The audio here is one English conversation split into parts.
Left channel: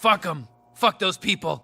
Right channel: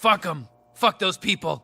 Fuck them. Fuck those people.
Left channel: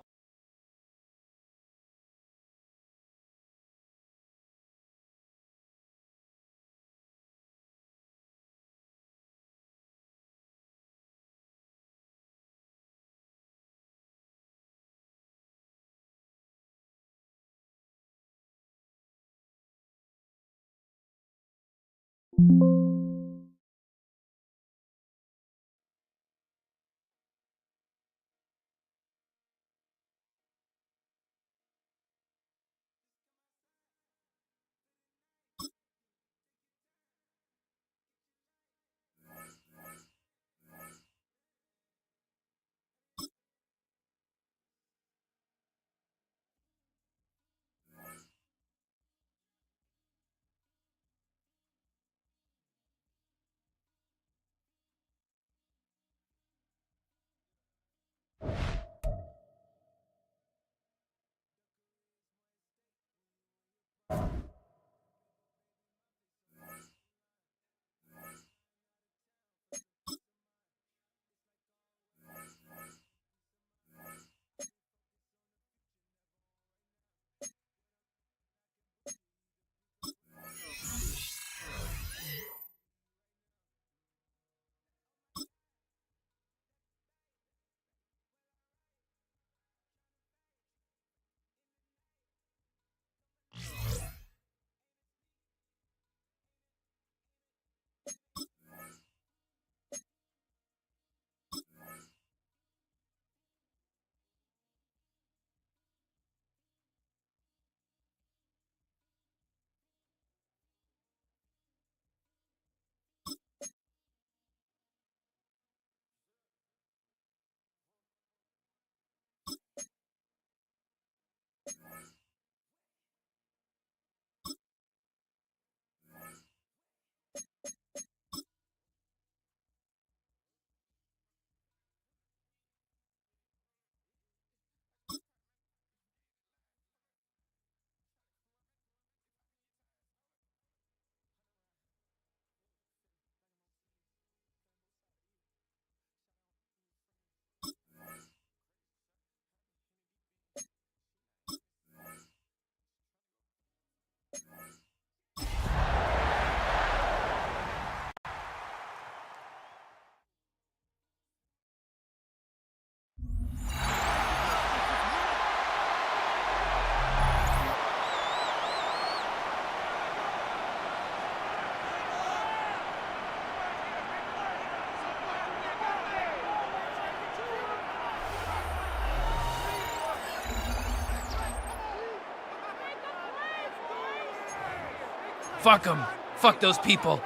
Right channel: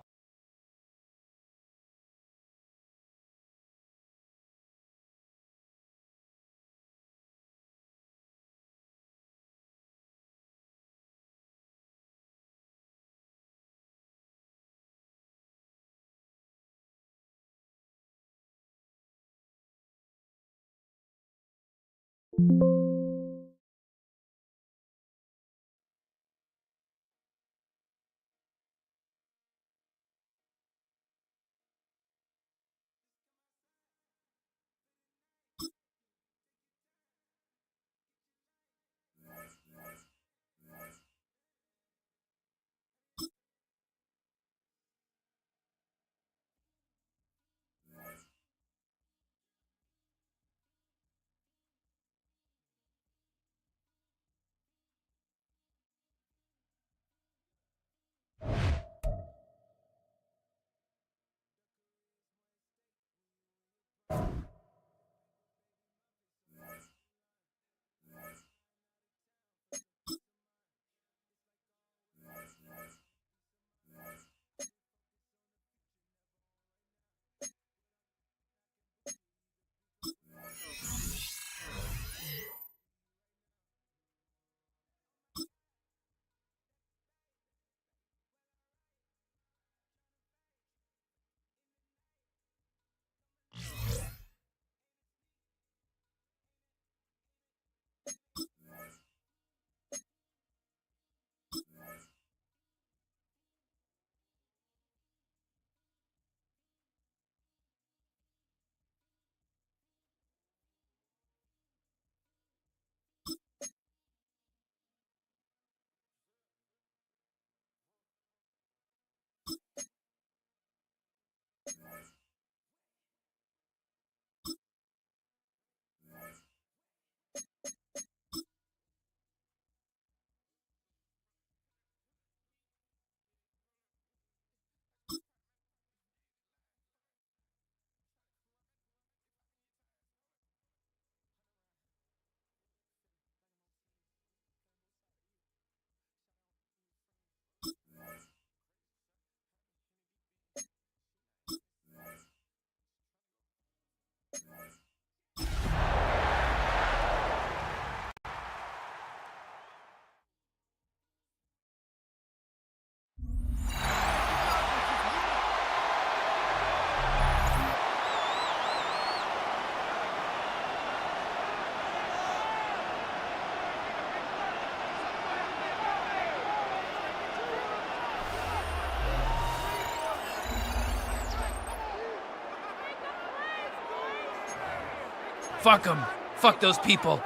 Fuck them. Fuck those people.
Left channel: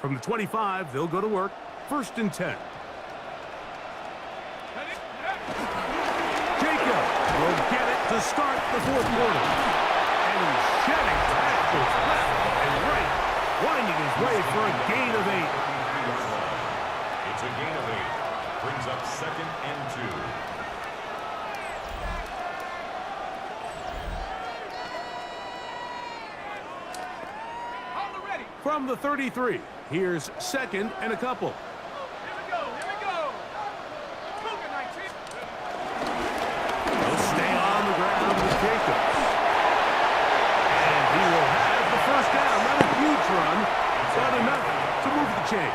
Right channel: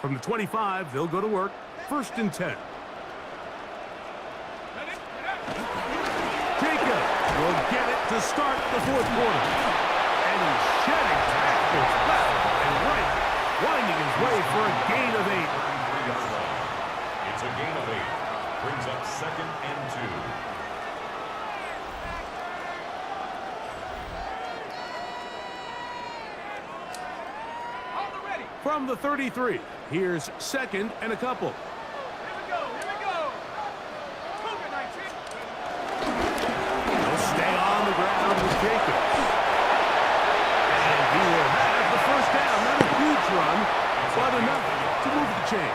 From the 25, they'll go to work. 1st and 10. Jacob will get it to start the 4th quarter. And he's shedding tackles left and right, winding his way for a gain of 8. It's a gain of 8. Brings up 2nd and 2. From the 33, here's 2nd and a couple. Here we go. Cougar 19. He'll stay on the ground with Jacobs. And he will have the 1st down. Not a huge run, but enough to move the chains.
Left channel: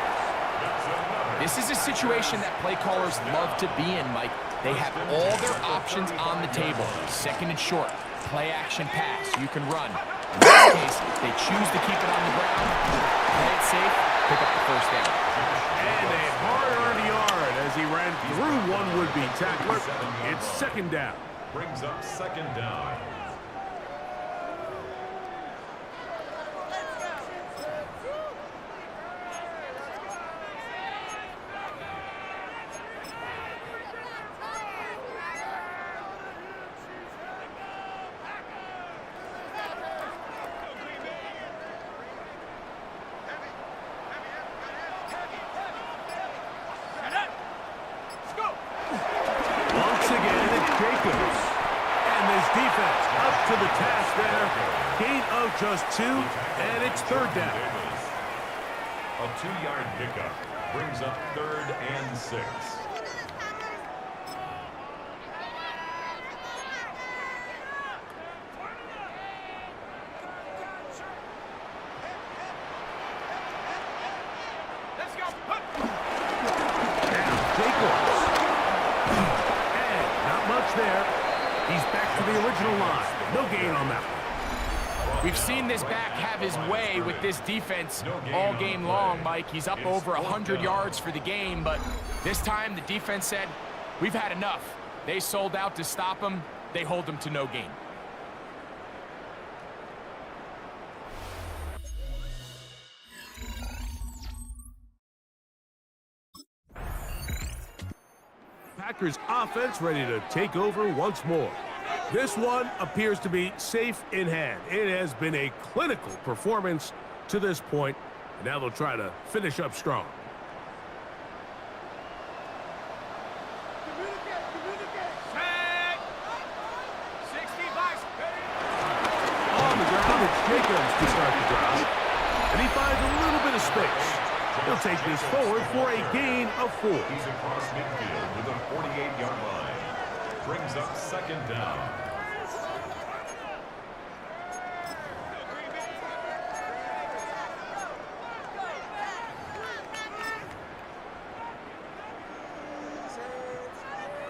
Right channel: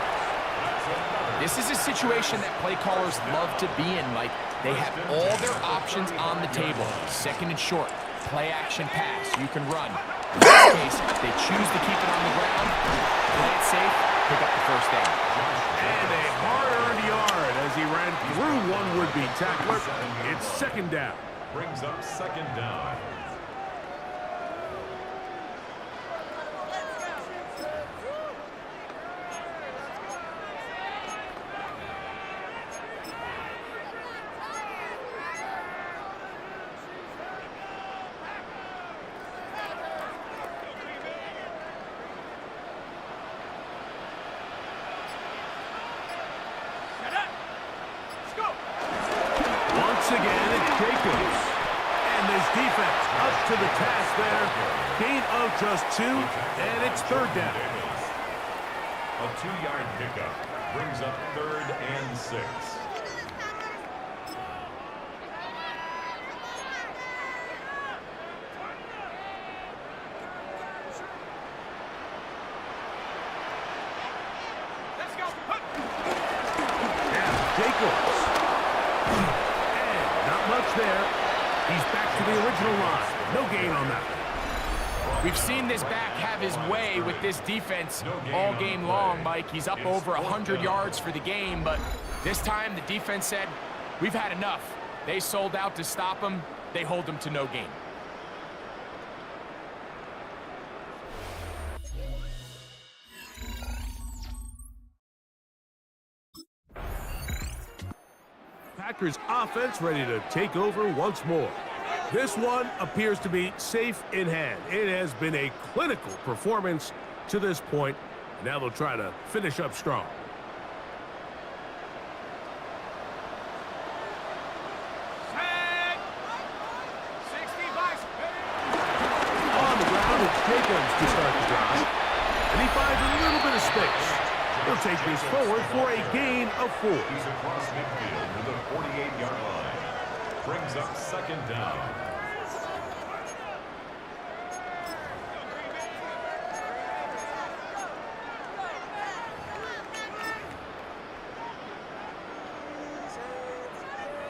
This is a situation that play callers love to be in, Mike. They have all their options on the table. 2nd and short, play action pass, you can run. In this case, they choose to keep it on the ground, play it safe, pick up the 1st down. And a hard-earned yard as he ran through one would-be tackler. It's 2nd down. Brings up 2nd down. Once again, it's Jacobs. And this defense up to the task there. Gain of just 2, and it's 3rd down. A 2-yard pickup brings up 3rd and 6. Let's go. Now, Jacobs. And not much there. He's back to the original line. No gain on that one. We've seen this back have his way with this defense all game long, Mike. He's up over 100 yards for the game, but this time the defense said, we've had enough. They sold out to stop him. They hold him to no gain. Packers offense ready to take over once more. This one appears to be safe in hand. It has been a clinical performance to this point, and now they'll try to finish up strong. Set. 60 bikes. On the ground, it's Jacobs to start the drive, and he finds a little bit of space. He'll take this forward for a gain of 4. He's across midfield to the 48-yard line. Brings up 2nd down.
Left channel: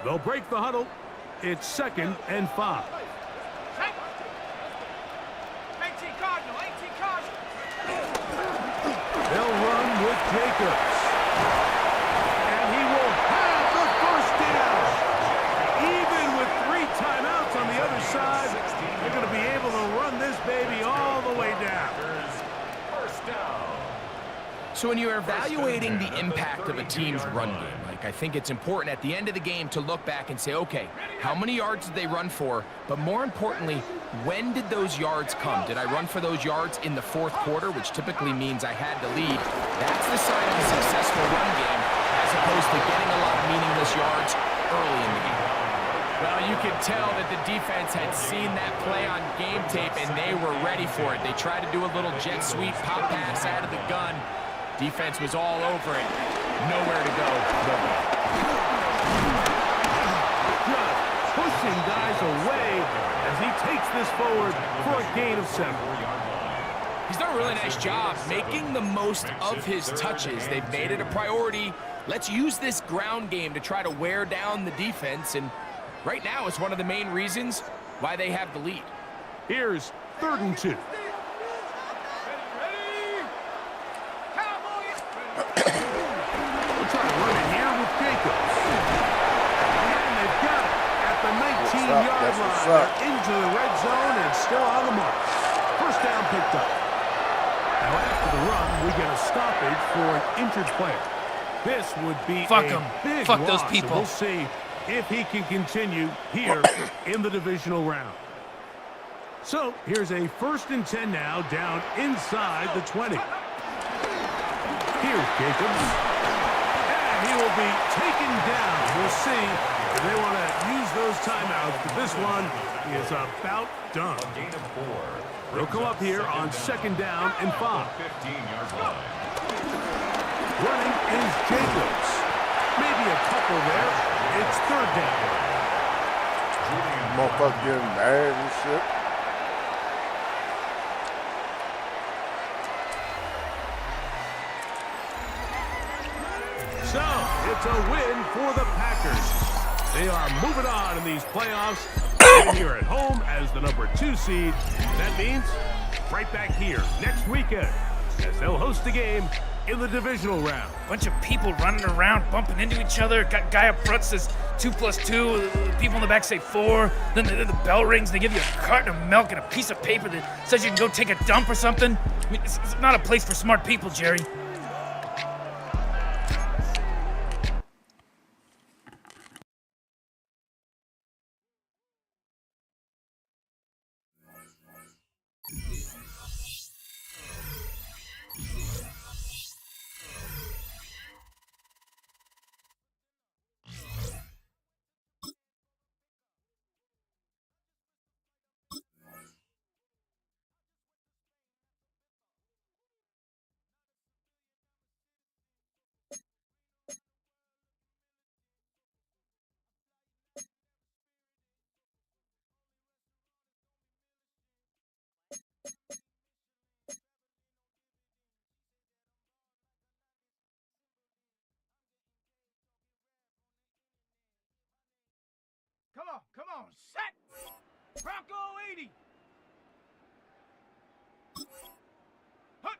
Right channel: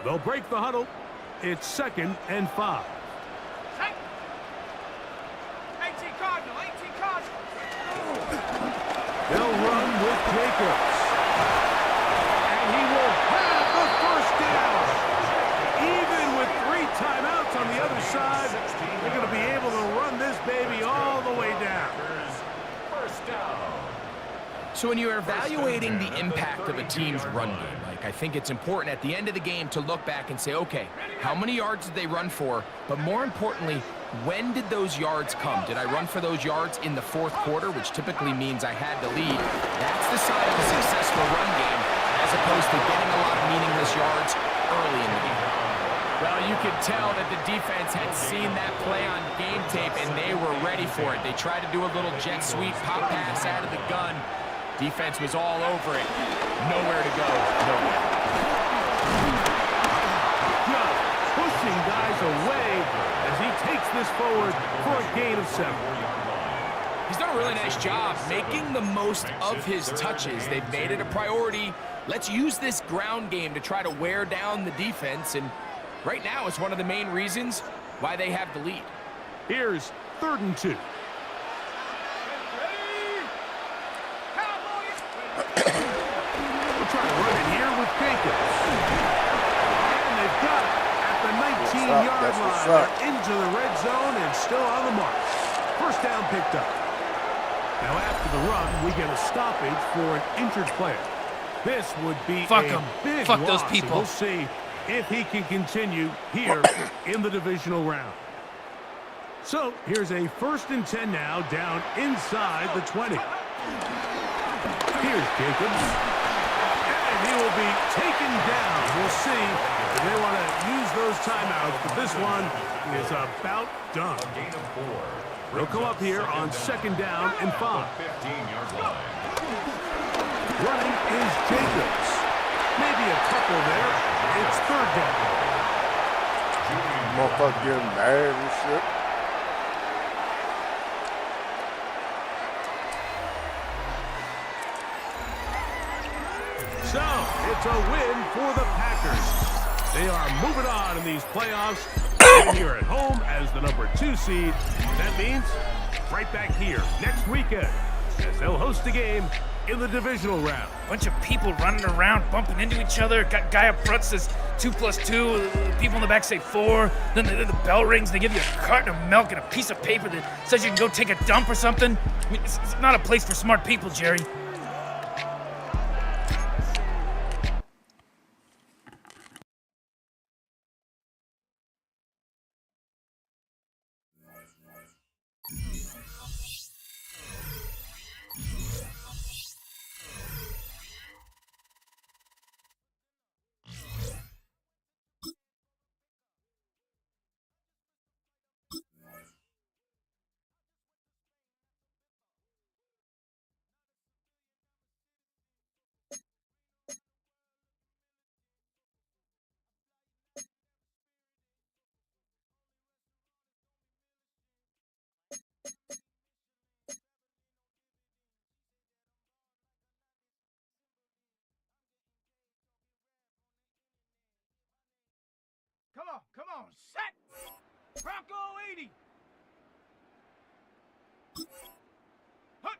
They'll break the huddle. It's 2nd and 5. Set. 18 Cardinal. 18 Cardinal. They'll run with Jacobs. And he will have the first down. Even with 3 timeouts on the other side, they're going to be able to run this baby all the way down. First down. So when you're evaluating the impact of a team's run game, Mike, I think it's important at the end of the game to look back and say, okay, how many yards did they run for? But more importantly, when did those yards come? Did I run for those yards in the 4th quarter, which typically means I had the lead? That's the sign of a successful run game, as opposed to getting a lot of meaningless yards early in the game. Well, you could tell that the defense had seen that play on game tape, and they were ready for it. They tried to do a little jet sweep, pop pass out of the gun. Defense was all over it. Nowhere to go. Nowhere. Just pushing guys away as he takes this forward for a gain of 7. He's done a really nice job making the most of his touches. They've made it a priority. Let's use this ground game to try to wear down the defense, and right now it's one of the main reasons why they have the lead. Here's 3rd and 2. We'll try to run it here with Jacobs. And they've got it at the 19-yard line. They're into the red zone and still on the mark. First down picked up. Now after the run, we get a stoppage for an injured player. This would be Fuck a 'em. big Fuck loss, those and people. we'll see if he can continue here in the divisional round. So here's a 1st and 10 now, down inside the 20. Here's Jacobs. And he will be taken down. We'll see if they want to use those timeouts, but this one is about done. A gain of 4. They'll come up here on 2nd down and 5. 15-yard line. Running is Jacobs. Maybe a couple there. It's 3rd down. Motherfucker getting mad and shit. So, it's a win for the Packers. They are moving on in these playoffs. And here at home as the number 2 seed. That means right back here next weekend as they'll host a game in the divisional round. Bunch of people running around, bumping into each other. Guy up front says 2 + 2. People in the back say 4. Then the bell rings. They give you a carton of milk and a piece of paper that says you can go take a dump or something. I mean, it's not a place for smart people, Jerry. Come on, set. Bronco 80. Hut.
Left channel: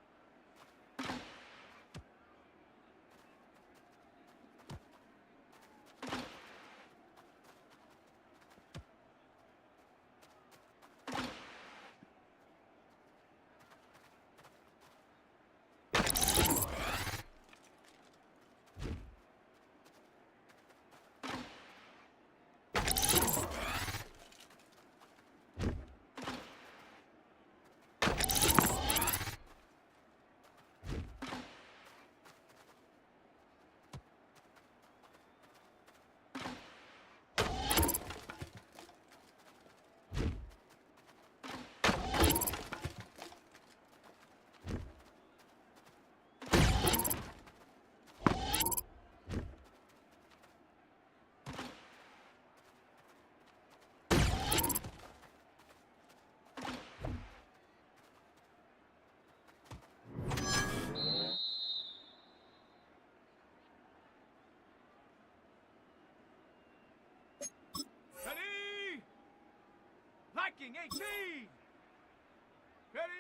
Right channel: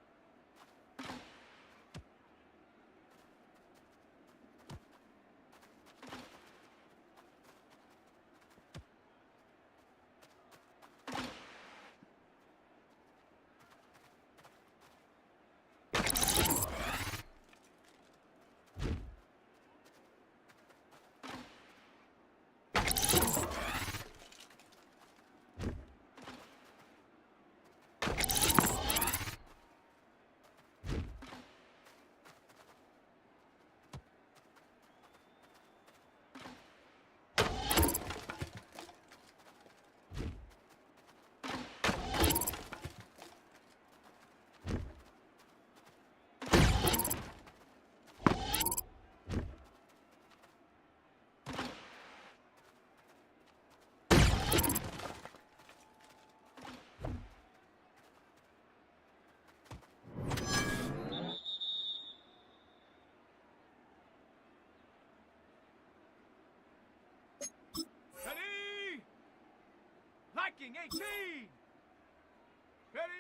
Ready? Liking 18. Ready?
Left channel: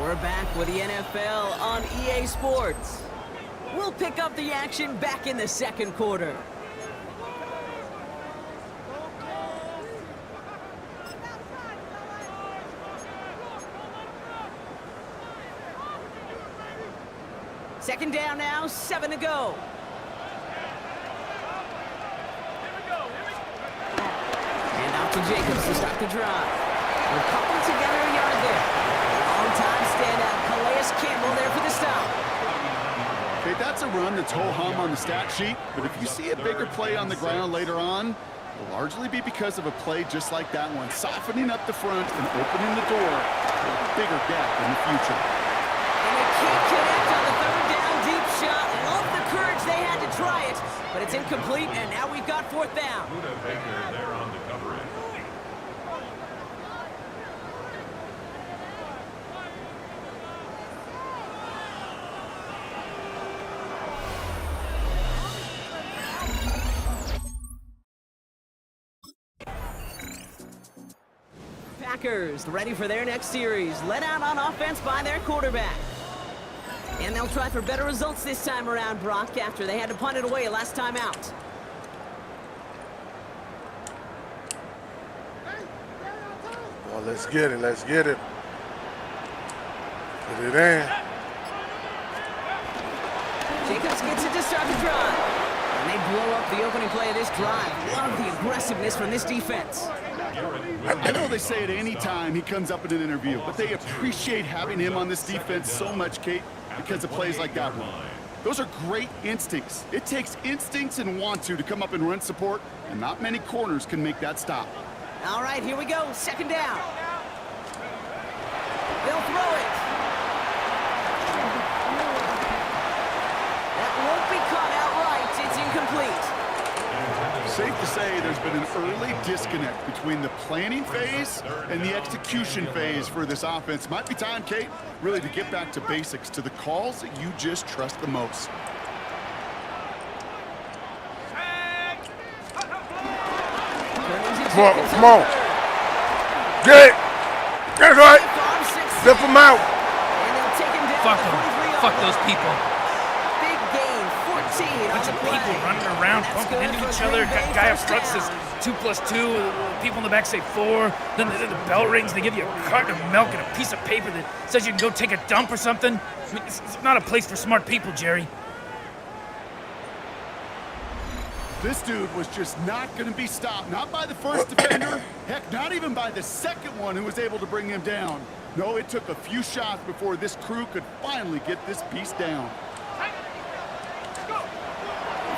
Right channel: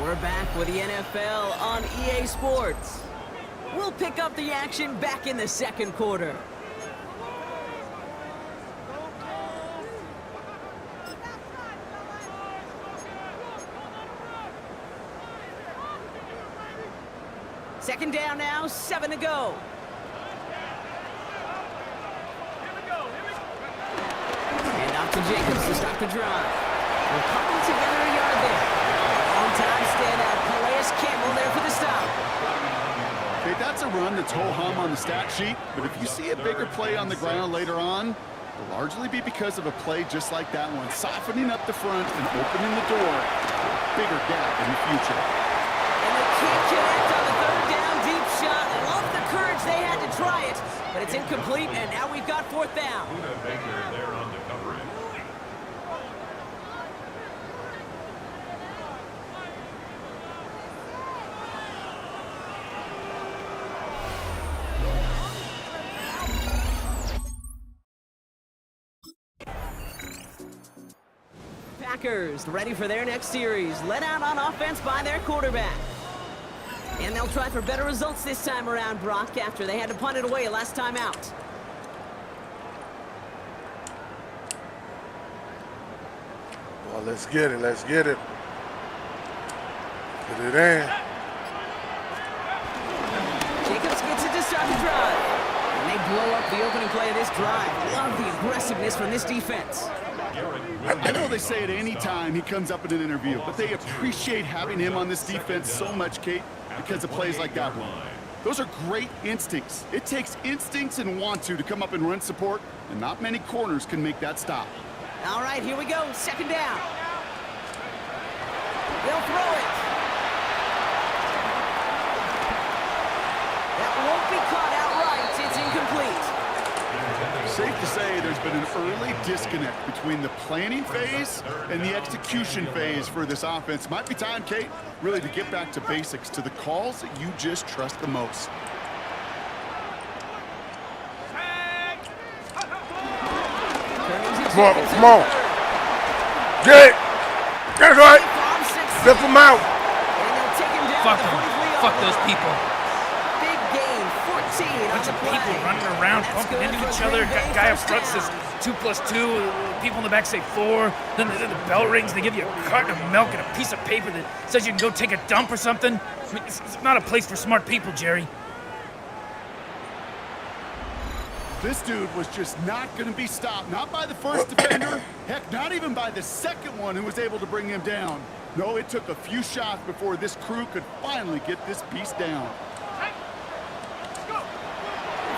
We're back with the NFL on EA Sports. We'll pick up the action back in the second quarter. Second down now, 7 to go. And off to Jacobs to start the drive. We'll couple together a yard there. Long-time standout, Calais Campbell there for the stop. Okay, that's a run that's ho-hum on the stat sheet, but if you see a bigger play on the ground later on, it'll largely be because of a play just like that one, softening up the front and opening the door for a bigger gap in the future. And they can't connect on the third down deep shot. Love the courage they had to try it, but it's incomplete, and now we've got fourth down. Buda Baker there on the coverage. Packers ready for their next series, led out on offense by their quarterback. And they'll try for better results this time around, Brock, after they had to punt it away last time out. Well, let's get it. Let's get it. Put it in. Jacobs gets it to start the drive. And they blow up the opening play of this drive. Love the aggressiveness from this defense. I know they say it any time he comes up in an interview, but they appreciate having him on this defense so much, Kate, because of plays like that one. Those are great instincts. It takes instincts and want to come up and run support, and not many corners can make that stop. All right, here we go. Second down. They'll throw it. That won't be caught outright. It's incomplete. Safe to say there's been an early disconnect between the planning phase and the execution phase for this offense. Might be time, Kate, really to get back to basics, to the calls that you just trust the most. Come on, come on. Get it. That's right. Flip him out. And they'll take him down. Fuck them. Fuck those people. Big gain, 14 Bunch of people running around, bumping into each other. Guy up front says 2+2. People in the back say 4. Then the bell rings. They give you a carton of milk and a piece of paper that says you can go take a dump or something. I mean, it's not a place for smart people, Jerry. This dude was just not going to be stopped. Not by the first defender. Heck, not even by the second one who was able to bring him down. No, it took a few shots before this crew could finally get this beast down.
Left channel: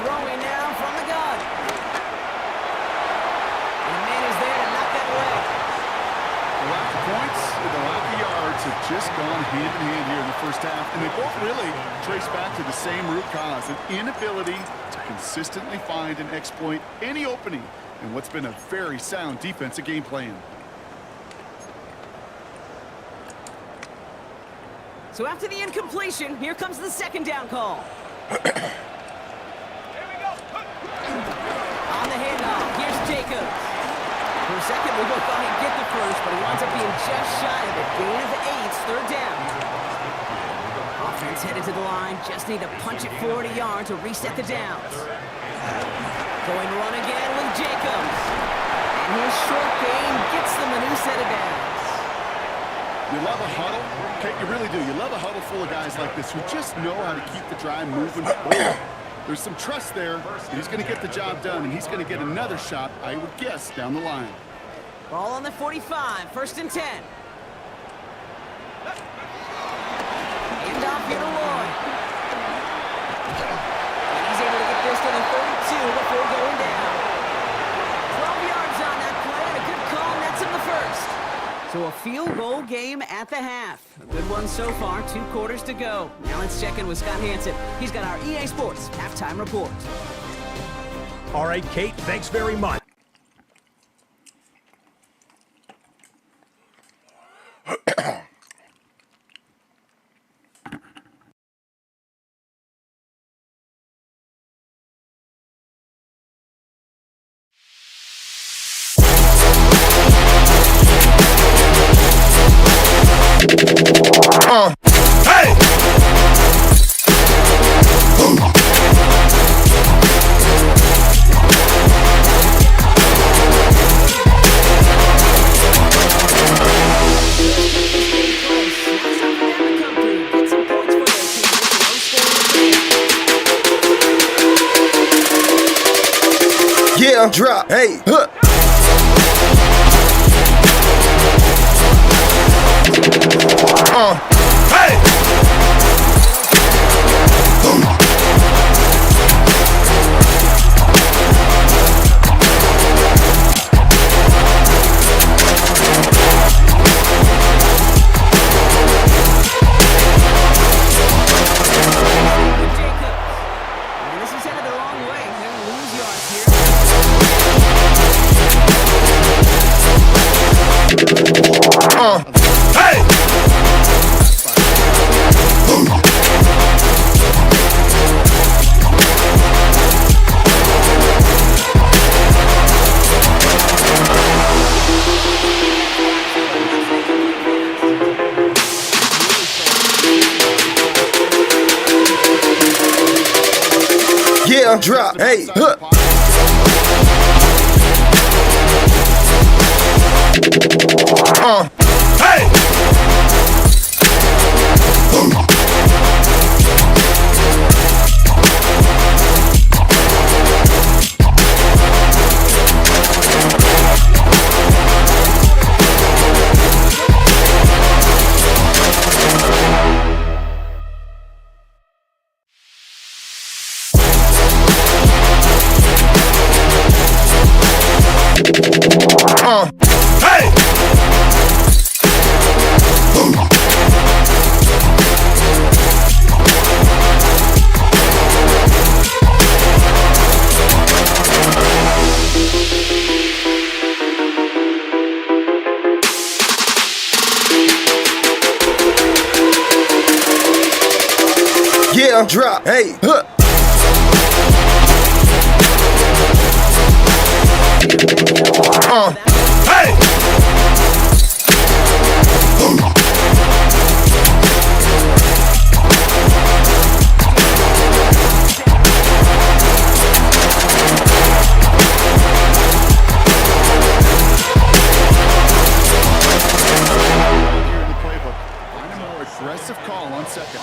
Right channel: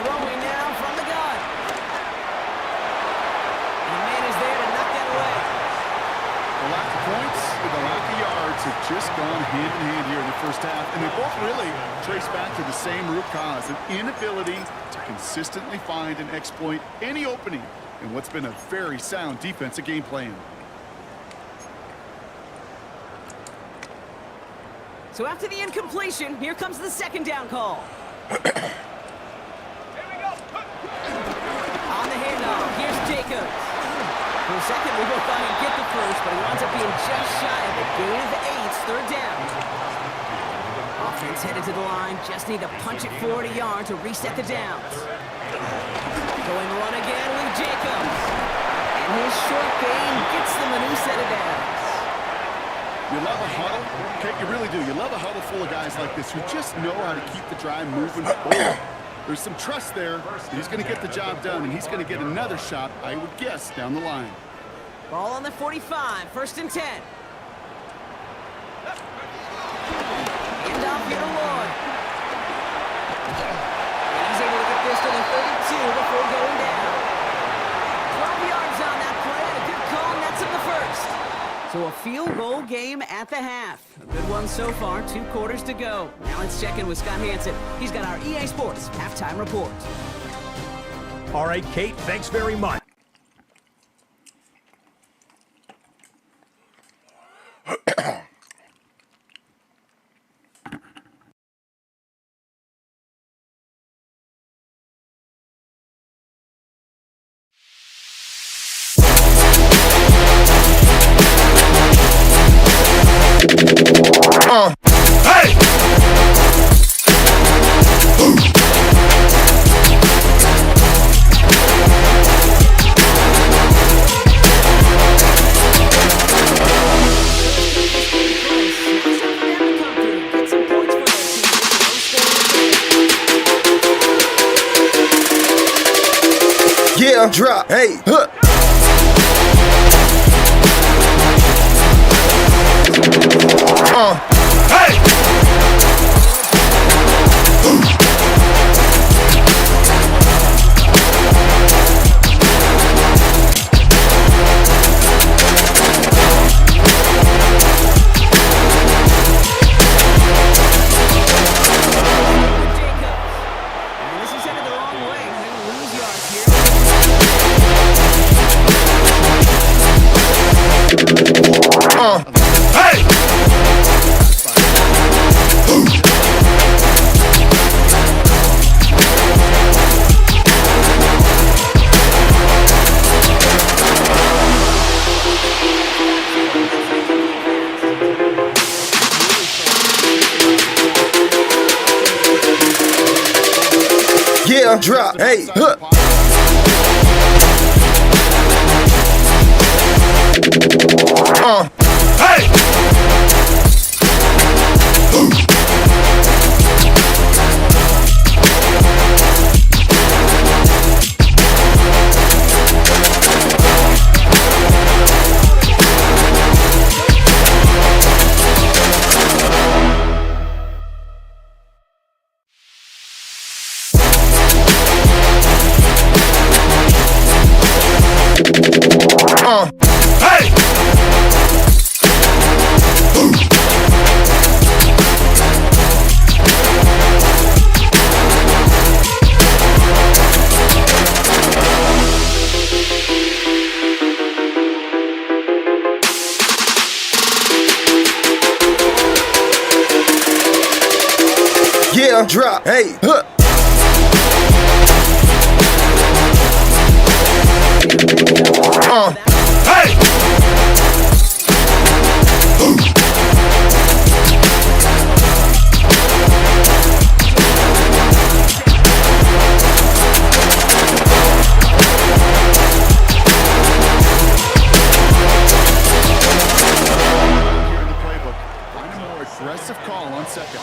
Throwing now from the gun. And the man is there to knock that away. The lack of points and the lack of yards have just gone hand in hand here in the first half, and they both really trace back to the same root cause, an inability to consistently find and exploit any opening in what's been a very sound defensive game plan. So after the incompletion, here comes the second down call. On the handoff, here's Jacobs. For a second, we go thought he'd get the first, but he winds up being just shy of it. Gain of 8, third down. Offense headed to the line, just need to punch it 40 yards to reset the downs. Going run again with Jacobs. And his short gain gets them a new set of downs. You love a huddle? Okay, you really do. You love a huddle full of guys like this who just know how to keep the drive moving forward. There's some trust there that he's going to get the job done, and he's going to get another shot, I would guess, down the line. Ball on the 45, first and 10. Hand off here to Lloyd. And he's able to get this to the 32 before going down. 12 yards on that play, and a good call nets him the first. So a field goal game at the half. A good one so far, 2 quarters to go. Now let's check in with Scott Hansen. He's got our EA Sports halftime report. All right, Kate, thanks very much. Hey! Yeah, drop. Hey, huh. Hey! This is headed the wrong way. They're going to lose yards here. Hey! Yeah, drop. Hey, huh. Hey! Hey! Yeah, drop, hey, huh. Hey! Here in the playbook, find a more aggressive call on second.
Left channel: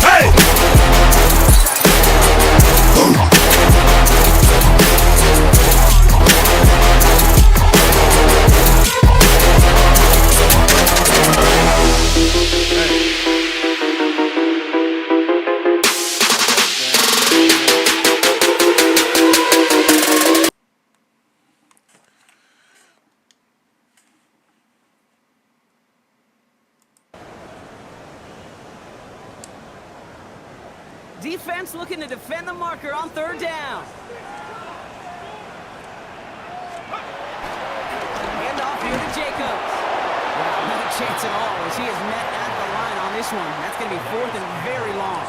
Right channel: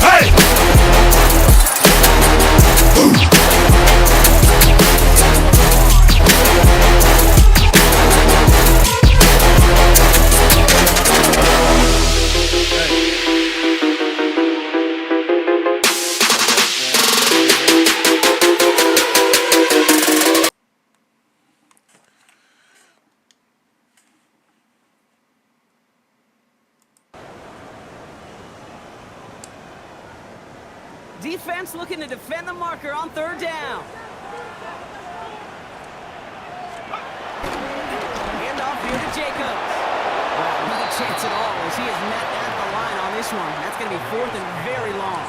Hey! Defense looking to defend the marker on third down. Hand off here to Jacobs. Well, not a chance at all as he is met at the line on this one. That's going to be fourth and very long.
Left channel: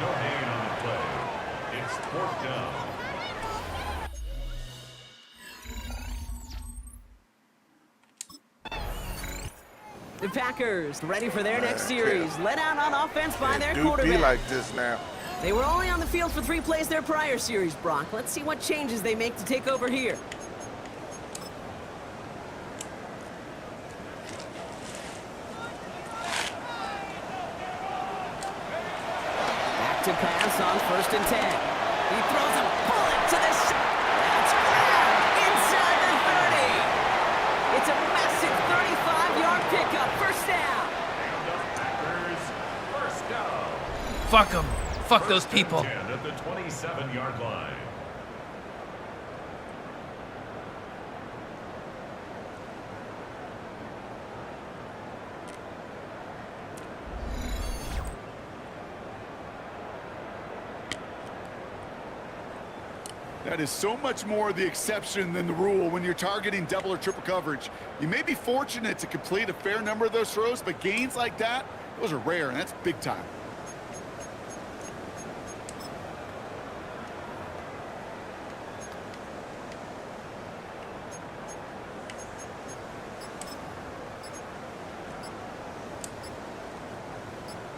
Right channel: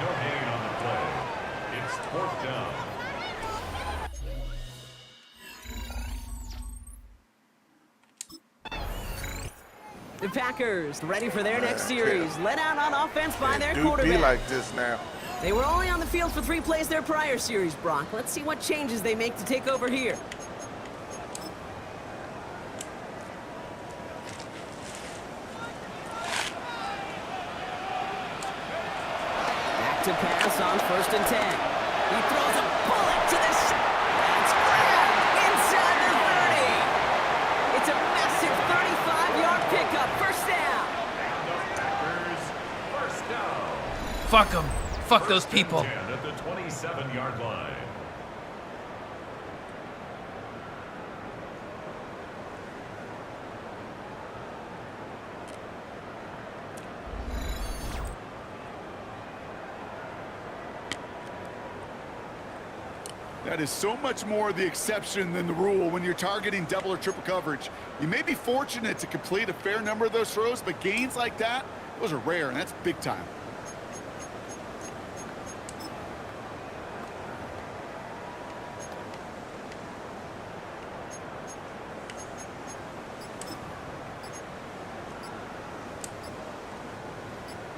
No gain on the play. It's fourth down. The Packers ready for their next series. Let out on offense by their It quarterback. be like this now. They were only on the field for 3 plays their prior series, Brock. Let's see what changes they make to take over here. Back to pass on 1st and 10. He throws a bullet to the That's grabbed inside the 30. It's a massive 35-yard pickup. First down. And the Packers, first down. Fuck them. Fuck those people. 10 at the 27-yard line. That is so much more the exception than the rule when you're targeting double or triple coverage. You may be fortunate to complete a fair number of those throws, but gains like that, those are rare, and that's big time.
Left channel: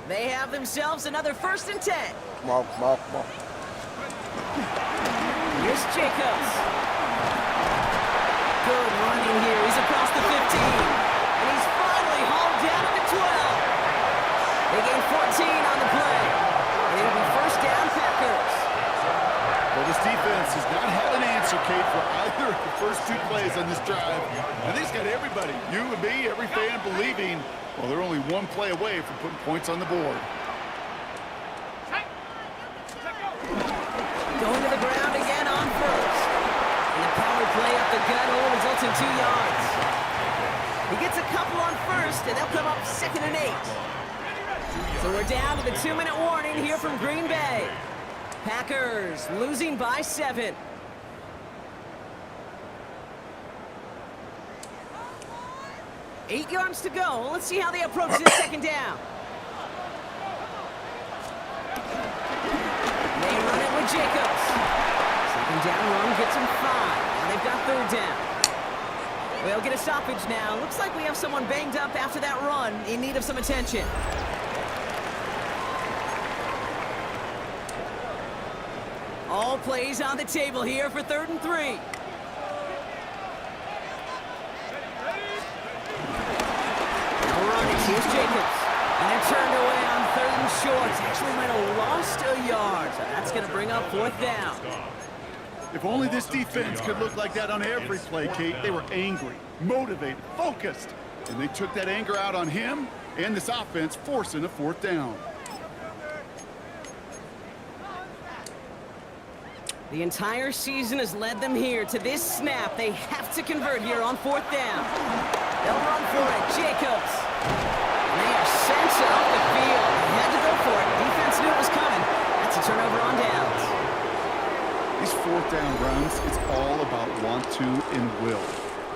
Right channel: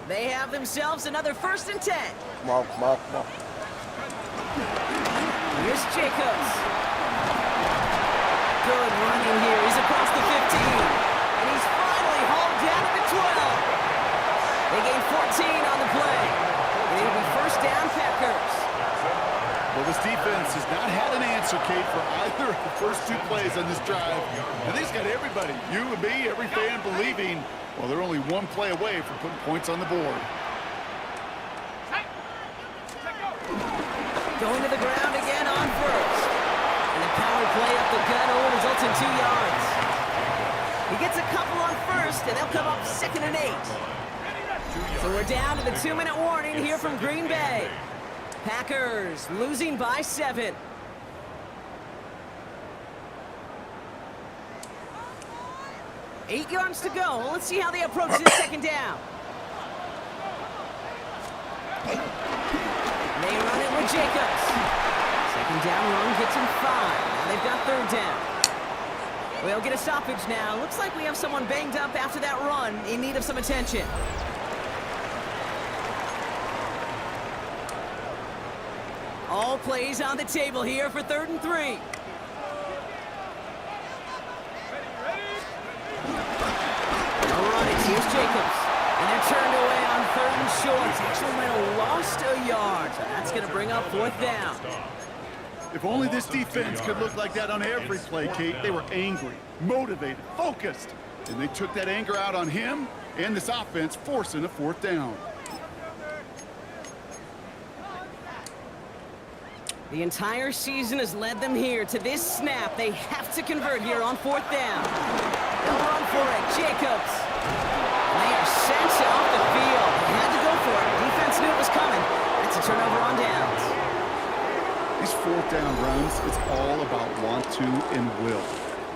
They have themselves another 1st and 10. Come on, come on, come on. Here's Jacobs. Good running here. He's across the 15. And he's finally hauled down at the 12. They gain 14 on the play. And it'll be first down, Packers. Well, this defense has not had an answer, Kate, for either of the first 2 plays on this drive. I think it's got everybody, you and me, every fan believing, well, they're only 1 play away from putting points on the board. Going to the ground again on 1st. And the power play up the gut only results in 2 yards. He gets a couple on 1st, and they'll come up 2nd and 8. So we're down to the 2-minute warning here from Green Bay. Packers losing by 7. Eight yards to go. Let's see how they approach this 2nd down. They run it with Jacobs. 2nd down run gets them 5. Now they've got 3rd down. We'll get a stoppage now. Looks like we have someone banged up after that run in need of some attention. All plays on the table here for 3rd and 3. No running. Here's Jacobs. And they're turned away on 3rd and short. Actually might have lost a yard. So that's going to bring up 4th down. If only this defense could look like that on every play, Kate. They were angry, motivated, focused. And they took that anger out on him and this offense, forcing a 4th down. The entire season has led them here to this snap. They have to convert here on 4th down. They'll run for it. Jacobs. And they are sent off the field. They had to go for it. Defense knew it was coming. That's a turnover on downs. These 4th down runs, it's all about want to and will.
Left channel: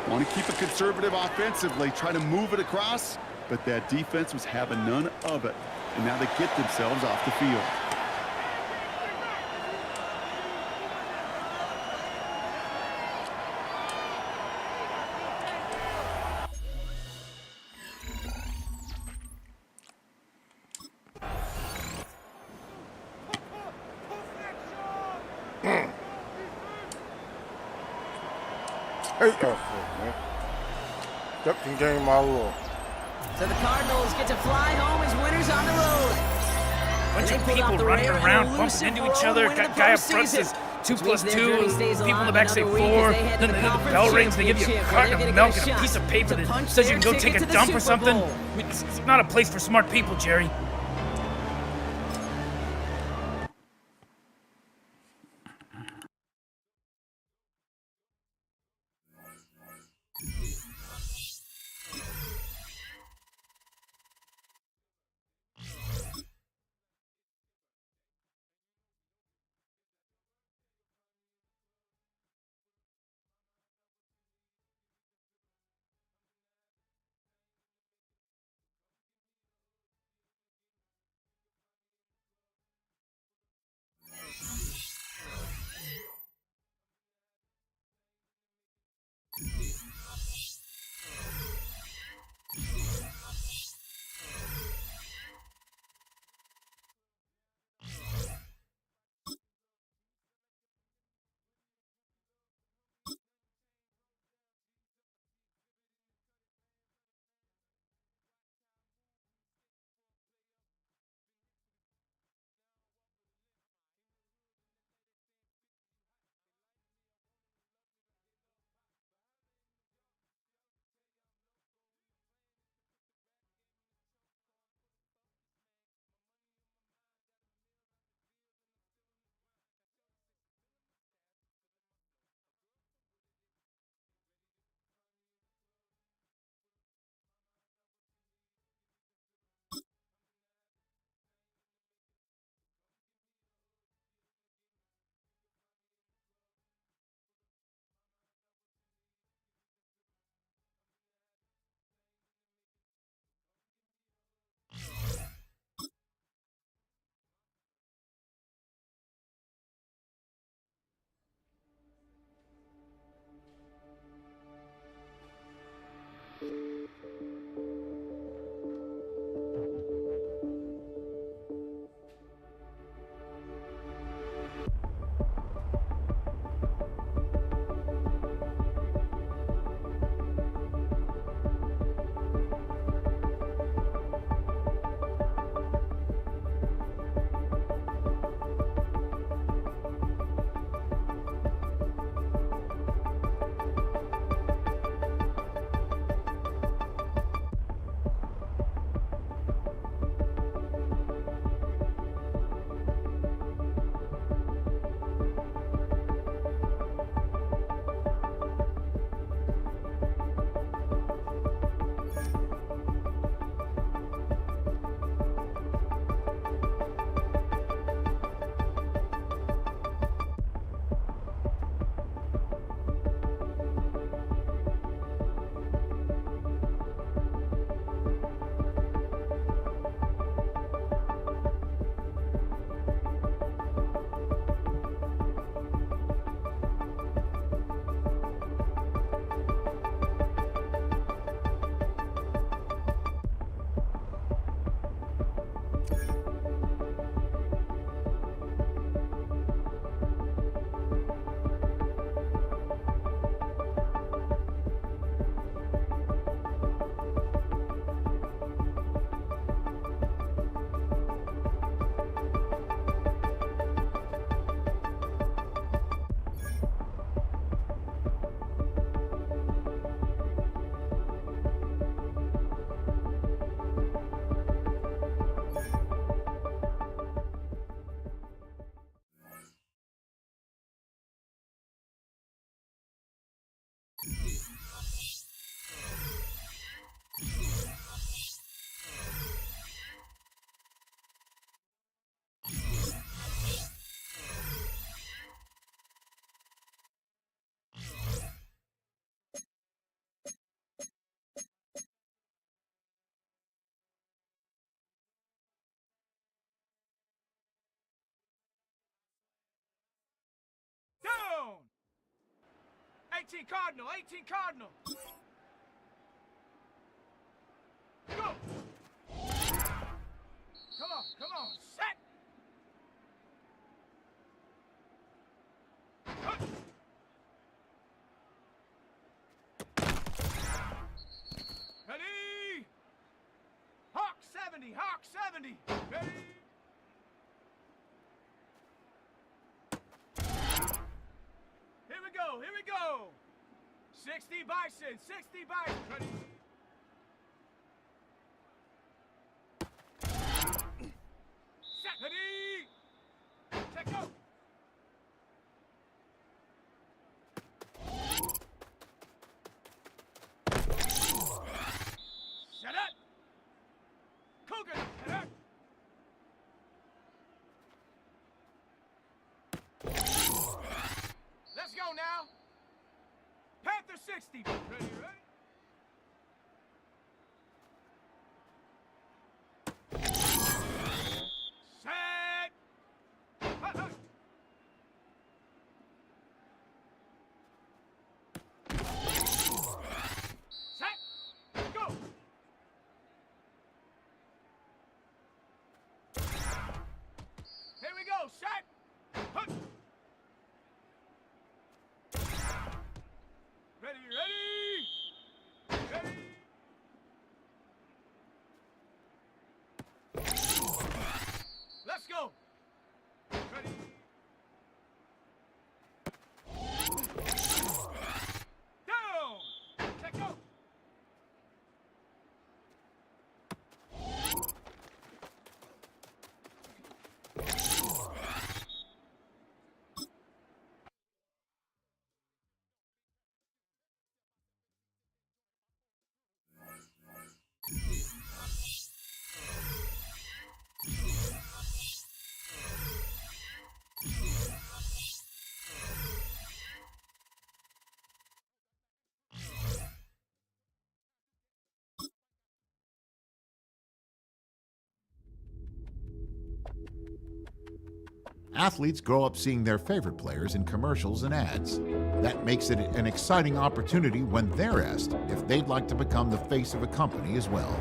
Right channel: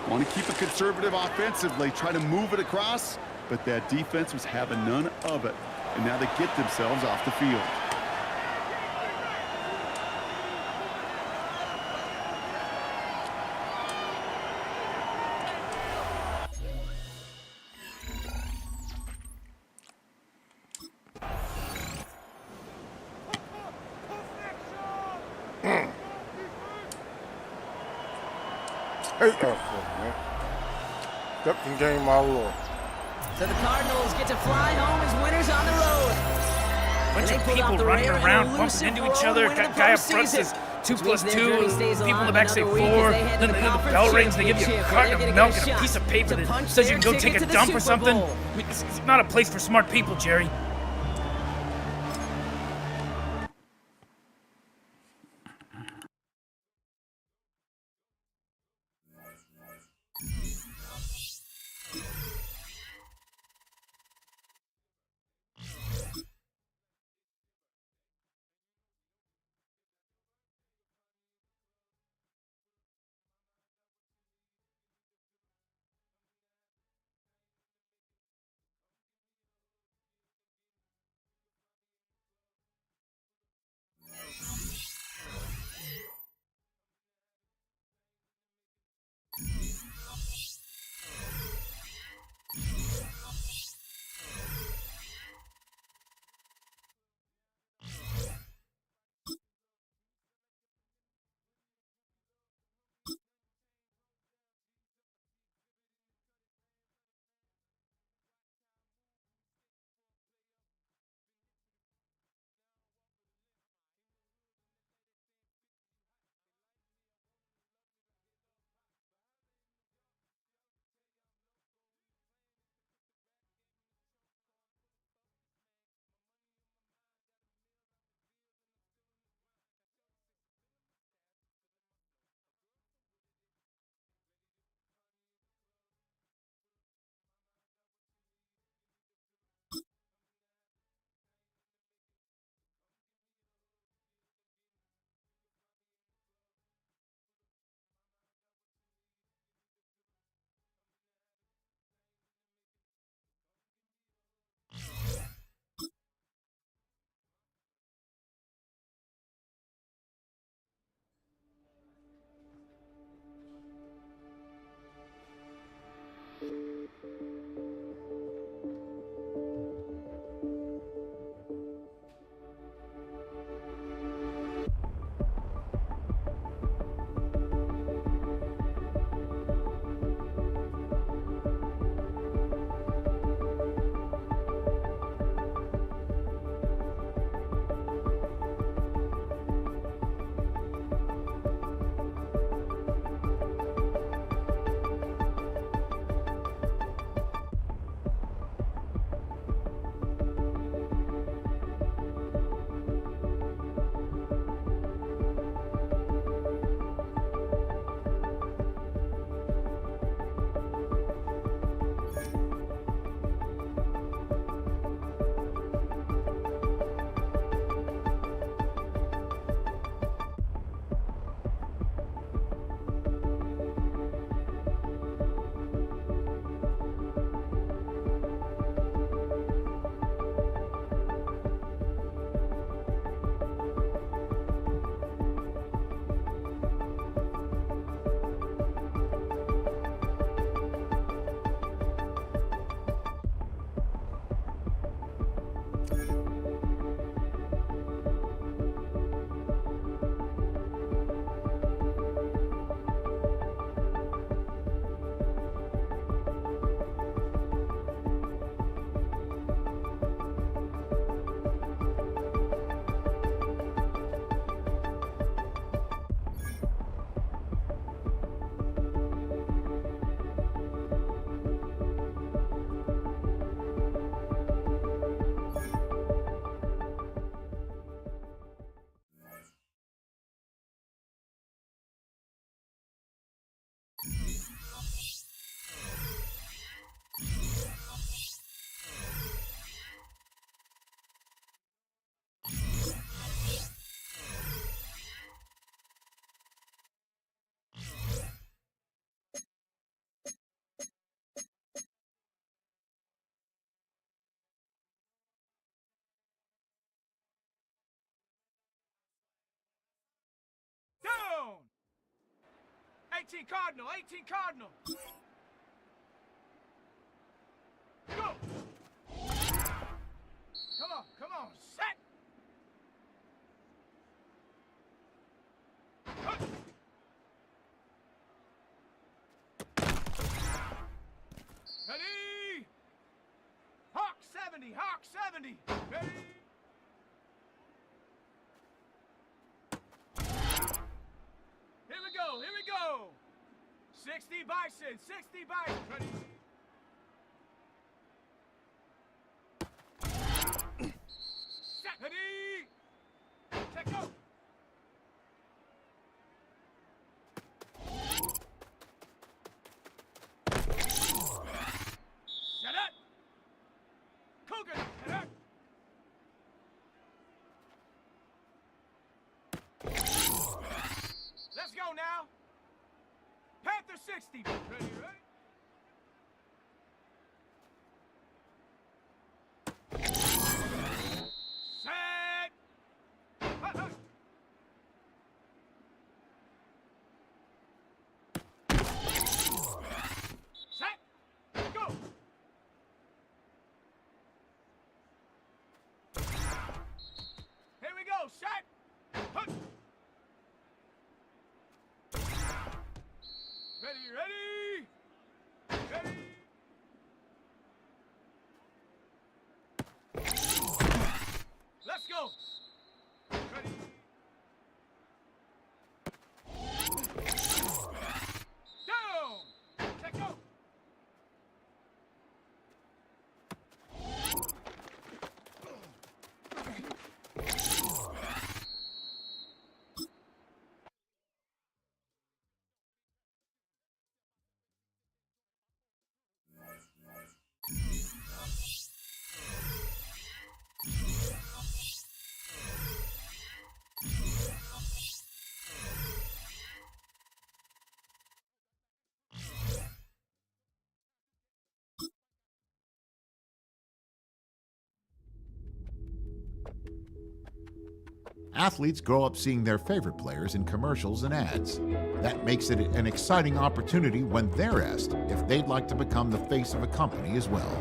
Want to keep it conservative offensively, try to move it across, but that defense was having none of it. And now they get themselves off the field. Hate that shit, man. Ducking game my lord. So the Cardinals get to fly home as winners on the road. Bunch of people running around, bumping into each other. Guy up front says 2+2. People in the back say 4. Then the bell rings. They give you a carton of milk and a piece of paper that says you can go take a dump or something. I mean, it's not a place for smart people, Jerry. 18 Cardinal, 18 Cardinal. Go. Come on, set. Hut. Ready. Hawk 70, Hawk 70. Ready. Here we go. 60 Bison, 60 Bison. Ready. Set. Ready. Check go. Set up. Cougar. Set up. Let's go now. Panther 60. Ready, ready? Set. Hut, hut. Set. Go. Here we go. Set. Hut. Ready, ready! Ready! Let's go! Ready! Down! Check go! Athletes grow up seeing their favorite players in commercials and ads. That makes it an exciting opportunity when they're asked if they'd like to become the face of a company as well.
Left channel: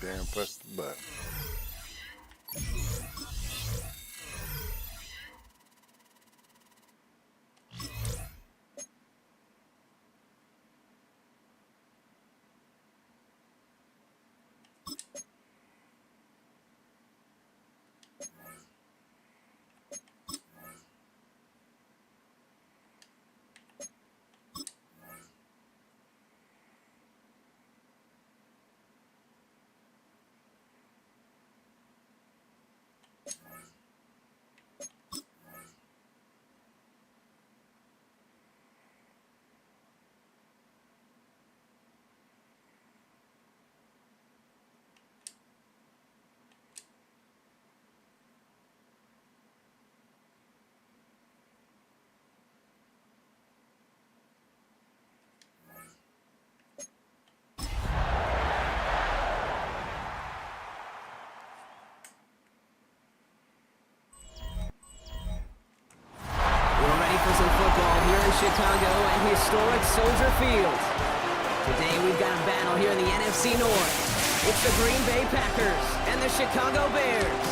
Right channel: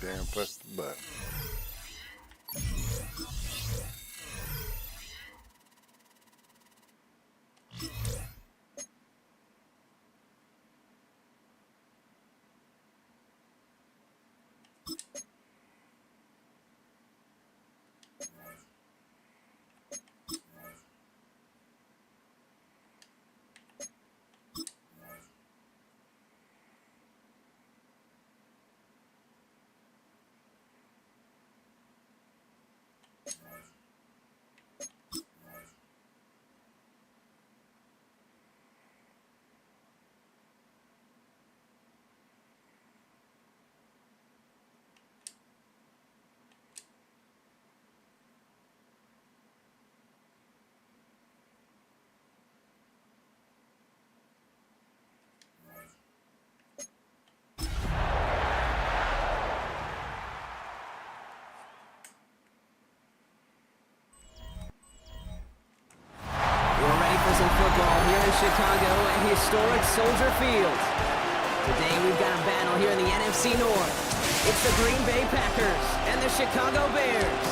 Damn, press the button. For some football here in Chicago at historic Soldier Field. Today we've got a battle here in the NFC North. It's the Green Bay Packers and the Chicago Bears.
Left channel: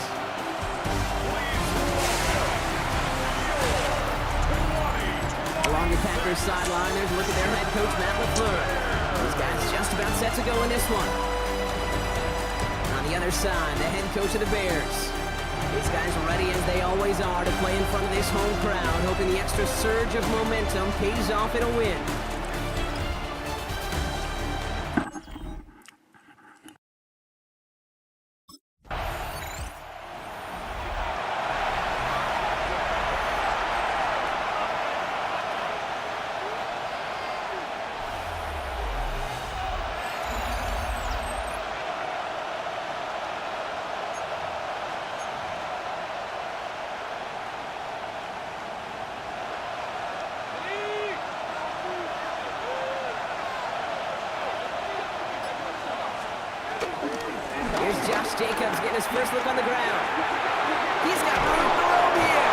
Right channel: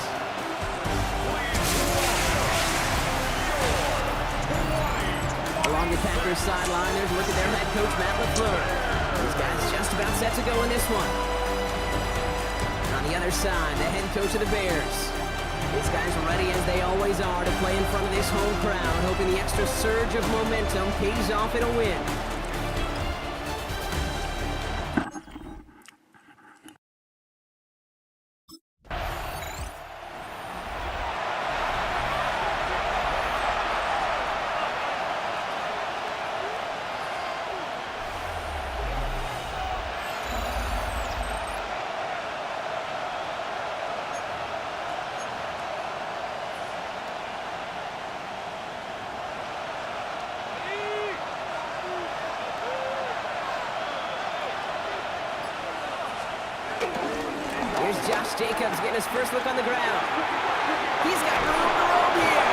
Along the Packers Packers sideline, there's a look at their head coach, Matt LaFleur. These guys just about set to go in this one. On the other side, the head coach of the Bears. These guys are ready as they always are to play in front of this home crowd, hoping the extra surge of momentum pays off in a win. Here's Josh Jacobs getting his first look on the ground. He's got room to roam here.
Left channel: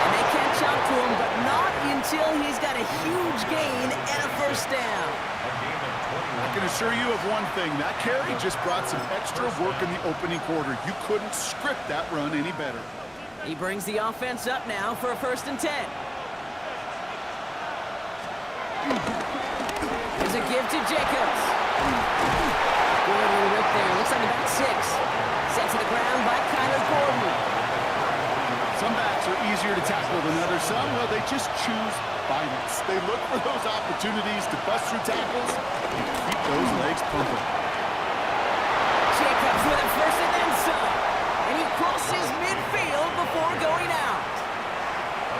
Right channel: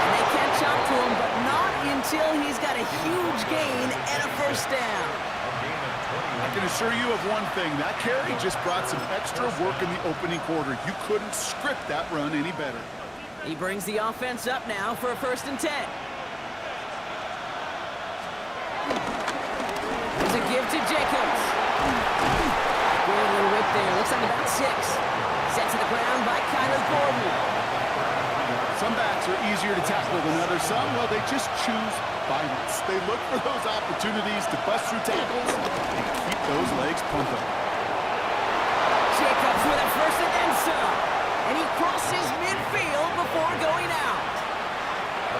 And they can't jump to him, but not until he's got a huge gain and a first down. I can assure you of one thing. That carry just brought some extra work in the opening quarter. You couldn't script that run any better. He brings the offense up now for a 1st and 10. There's a give to Jacobs. Good little rip there. Looks like about 6. Sent to the ground by Kyler Gordon. Some backs are easier to tackle than others. Some, well, they just choose violence. They look for those opportunities to bust through tackles and keep those legs pumping. Jacobs with a first and then some. And he crosses midfield before going out.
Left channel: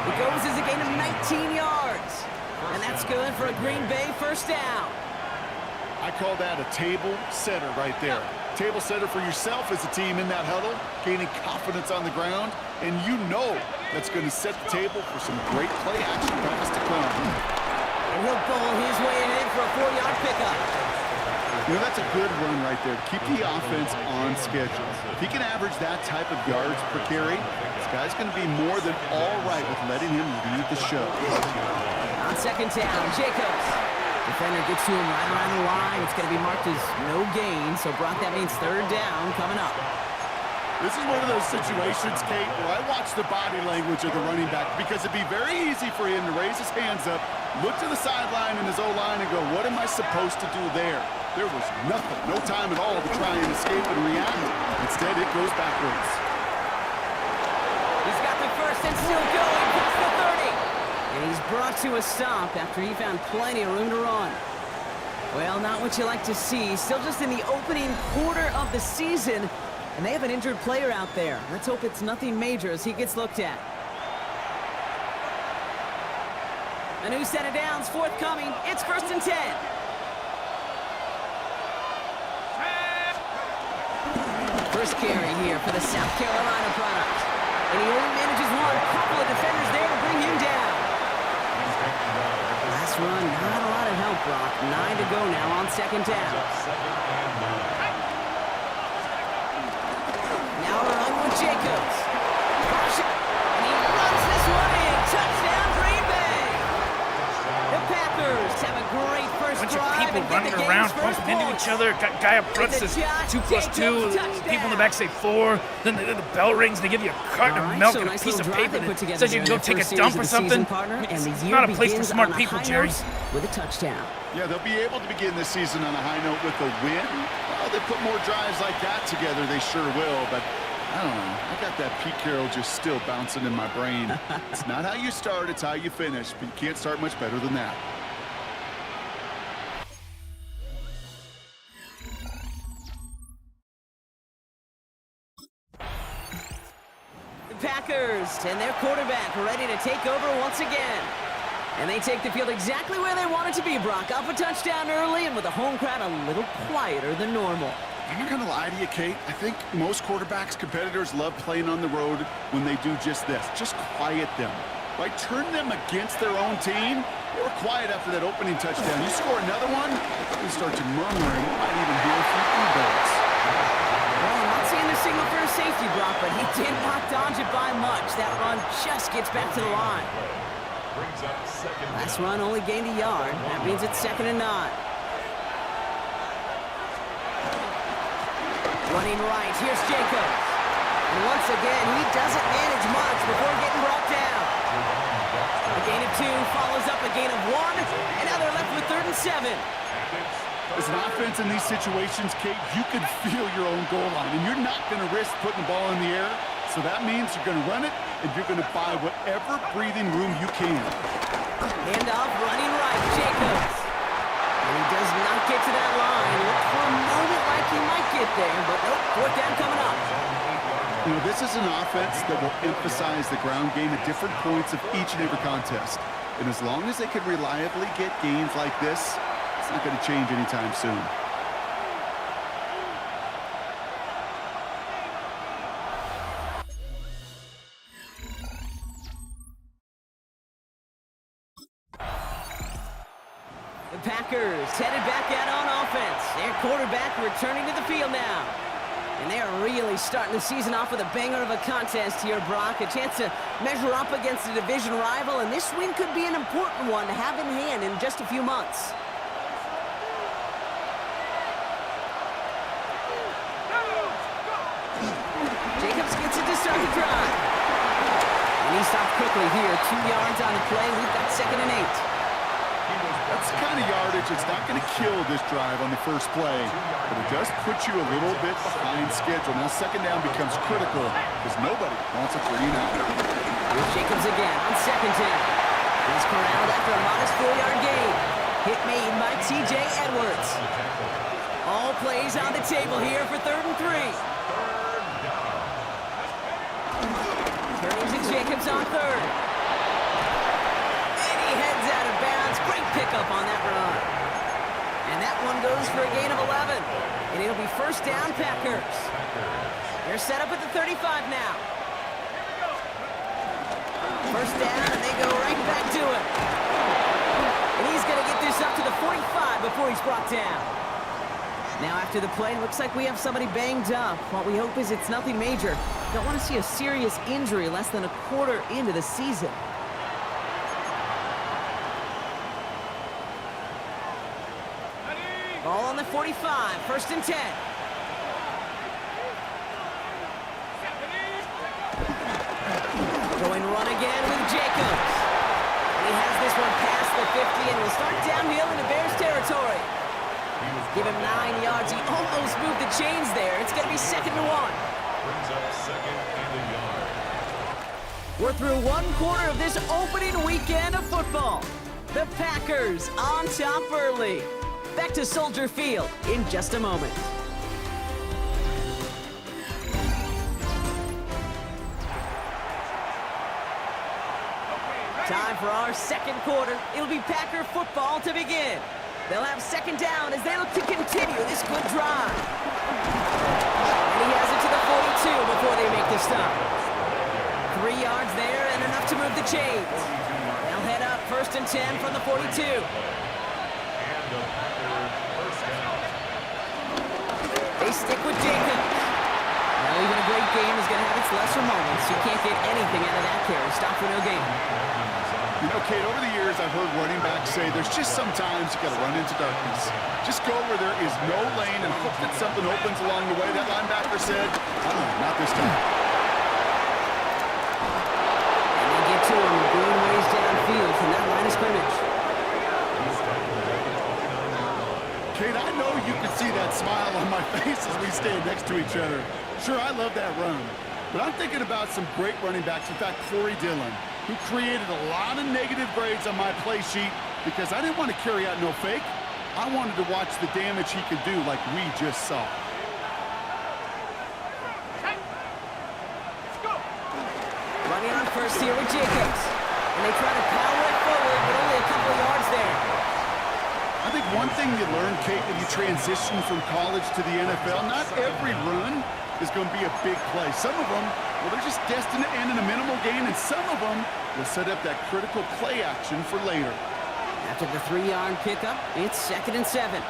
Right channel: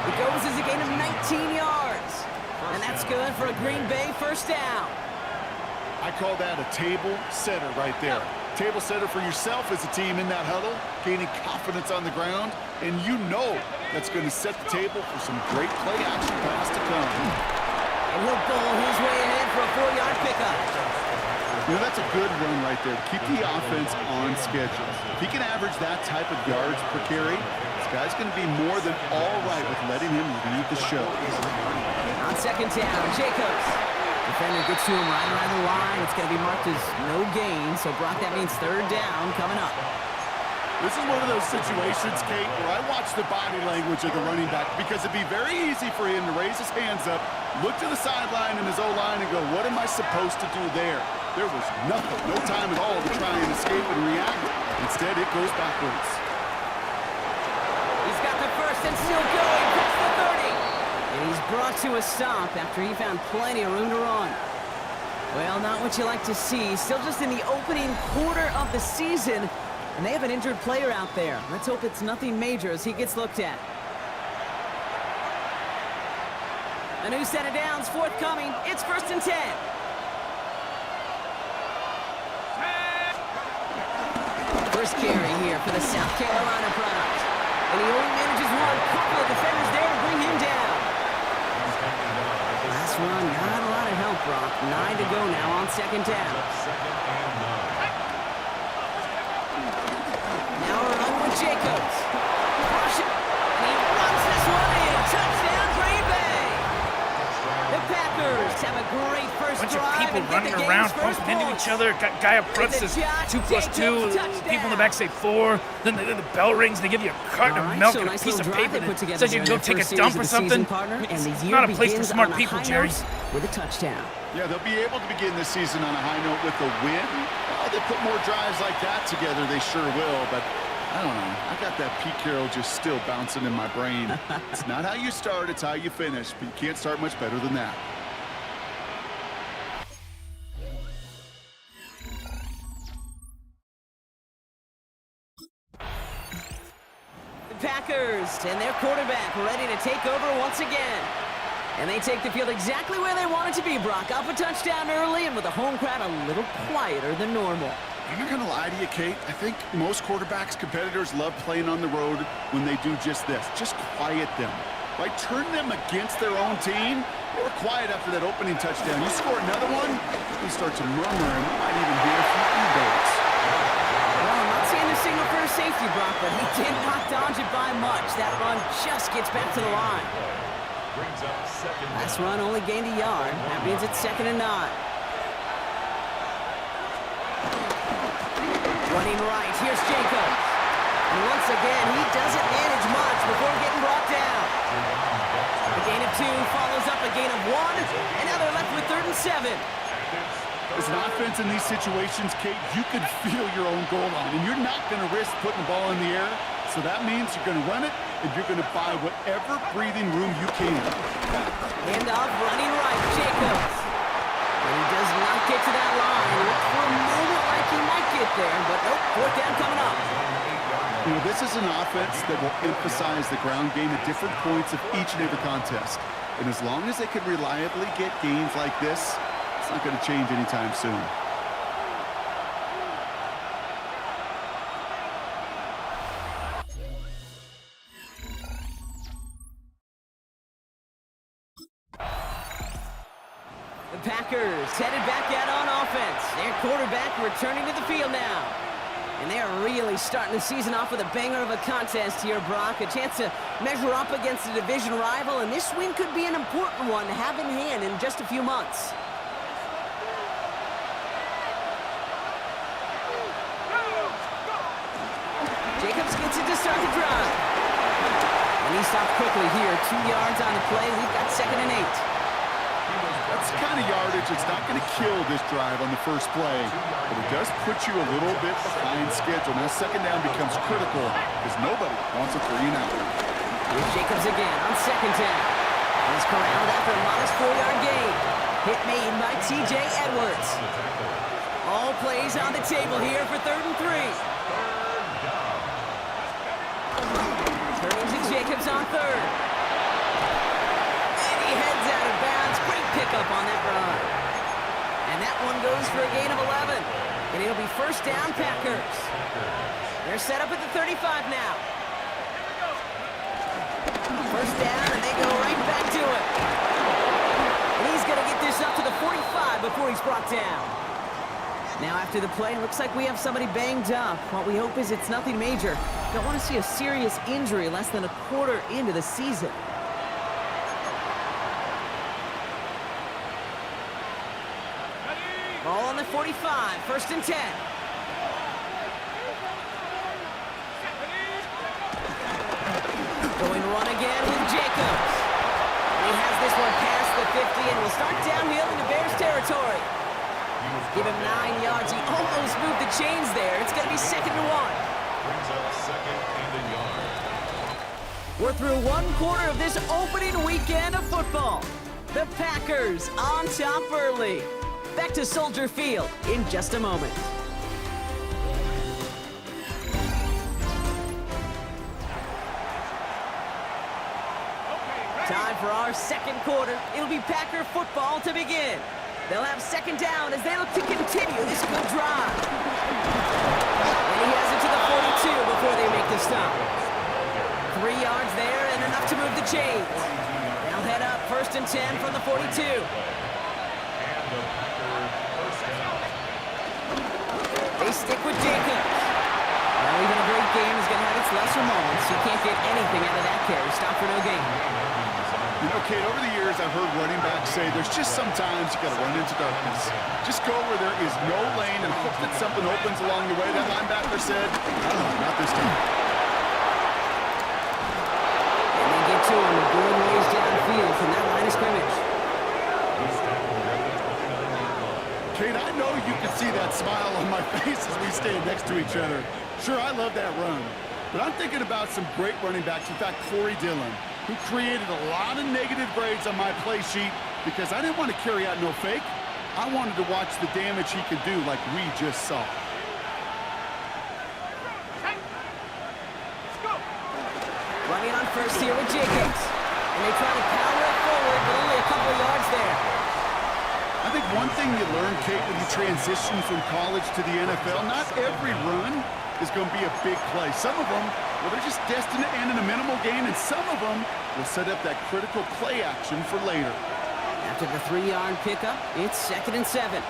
It goes as a gain of 19 yards. And that's good for a Green Bay first down. I call that a table setter right there. Table setter for yourself as a team in that huddle, gaining confidence on the ground, and you know that's going to set the table for some great play action pass to come. And he'll bowl his way ahead for a 4-yard pickup. You know, that's a good run right there to keep the offense on schedule. If he can average that type of yards per carry, this guy's going to be more than all right with letting him lead the show. On 2nd down, Jacobs. Defender gets to him right around the line. It's going to be marked as no gain, so Brock, that means 3rd down coming up. This is one of those situations, Kate, where I watch the body language of the running back because it'd be very easy for him to raise his hands up, look to the sideline in his O-line and go, what am I supposed to do there? There was nothing, no time at all to try and escape and react. Instead, it goes backwards. He's got the first and still going past the 30. And he's brought to a stop after he found plenty of room to run. Well, not what you like to see. Still just in the opening quarter of the season. And they have an injured player out there. Let's hope it's nothing major as he gets looked at. A new set of downs forthcoming. It's 1st and 10. First carry here for the South Carolina product. And he only manages one. Couple of defenders there to bring him down. Last run, not a lot of help, Brock. 9 to go now on 2nd down. Now a run with Jacobs. And he runs this one in. Touchdown, Green Bay. The Packers have a great first Bunch drive. of people running around, bumping into each other. Guy up front says 2+2. People in the back say 4. Then the bell rings. They give you a carton of milk and a piece of paper that says you can go take a dump or something. It's not a place for smart people, Jerry. With a touchdown. Yeah, they'll be able to begin this season on a high note with a win. Well, they put more drives like that together, they sure will, but I don't know. I got that Pete Carroll just still bouncing in my brain. It's not how you start, it's how you finish, but you can't start much better than that. The Packers and their quarterback ready to take over once again. And they take the field exactly where they want it to be, Brock. Up a touchdown early and with the home crowd a little quieter than normal. I'm not going to lie to you, Kate. I think most quarterbacks, competitors love playing on the road when they do just this. Just quiet them. Right? Turn them against their own team. They were quiet after that opening touchdown. You score another one, you start to murmur and we might even hear a few e-birds. Well, I'm not seeing the signal for a safety, Brock, but he did not dodge it by much. That run just gets back to the line. Last run only gained a yard. That means it's 2nd and 9. Running right, here's Jacobs. And once again, he doesn't manage much before getting brought down. A gain of 2 follows up a gain of 1, and now they're left with 3rd and 7. As an offense in these situations, Kate, you can feel your own goal line, and you're not going to risk putting the ball in the air. So that means you're going to run it, and you're going to buy whatever breathing room you can. Handoff running right, Jacobs. And he does not get to that line. Looked for a moment like he might get there, but nope, 4th down coming up. You know, this is an offense that will emphasize the ground game at different points of each and every contest. And as long as they can reliably get gains like this, it's not going to change anytime soon. The Packers headed back out on offense. Their quarterback returning to the field now. And they're really starting the season off with a banger of a contest here, Brock. A chance to measure up against a division rival, and this win could be an important one to have in hand in just a few months. Jacobs gets it to start the drive. And he stopped quickly here. 2 yards on the play. We've got 2nd and 8. That's the kind of yardage that's not going to kill this drive on the first play, but it does put you a little bit behind schedule. Now 2nd down becomes critical because nobody wants a 3-and-out. Here's Jacobs again on 2nd down. He's corralled after a modest 4-yard gain. Hit made by T.J. Edwards. All plays on the table here for 3rd and 3. Turning to Jacobs on 3rd. And he heads out of bounds. Great pickup on that run. And that one goes for a gain of 11. And it'll be 1st down, Packers. They're set up at the 35 now. 1st down, and they go right back to it. And he's going to get this up to the 45 before he's brought down. Now after the play, looks like we have somebody banged up. What we hope is it's nothing major. Don't want to see a serious injury less than a quarter into the season. Ball on the 45, 1st and 10. Going run again with Jacobs. And he has this one past the 50 and will start downhill into Bears territory. Give him 9 yards. He almost moved the chains there. It's going to be 2nd and 1. Brings up 2nd and a yard. We're through 1 quarter of this opening weekend of football. The Packers on top early. Back to Soldier Field in just a moment. Time for our 2nd quarter. It'll be Packer football to begin. They'll have 2nd down as they look to continue this good drive. And he has it to the 42 before they make the stop. 3 yards there and enough to move the chains. They'll head up 1st and 10 from the 42. They stick with Jacobs. Well, even a great game is going to have its lesser moments. You can't get anything out of that carry. Stop for no gain. You know, Kate, over the years, I've heard running backs say there's just sometimes you got to run into darkness. Just go where there is no lane and hope that something opens along the way. That linebacker said, I don't know, not this time. And they get to him a good ways downfield from that line of scrimmage. Kate, I know you can see that smile on my face as we stand next to each other. Sure, I love that run. But I'm thinking about some great running backs. In fact, Corey Dillon, who created a lot of negative grades on my play sheet because I didn't want to carry out no fake. I wanted to watch the damage he could do like we just saw. Running on 1st here with Jacobs. And they try to power it forward, but only a couple of yards there. I think one thing you learn, Kate, when you transition from college to the NFL, not every run is going to be a big play. Some of them, well, they're just destined to end in a minimal gain, and some of them will set up that critical play action for later. After the 3-yard pickup, it's 2nd and 7.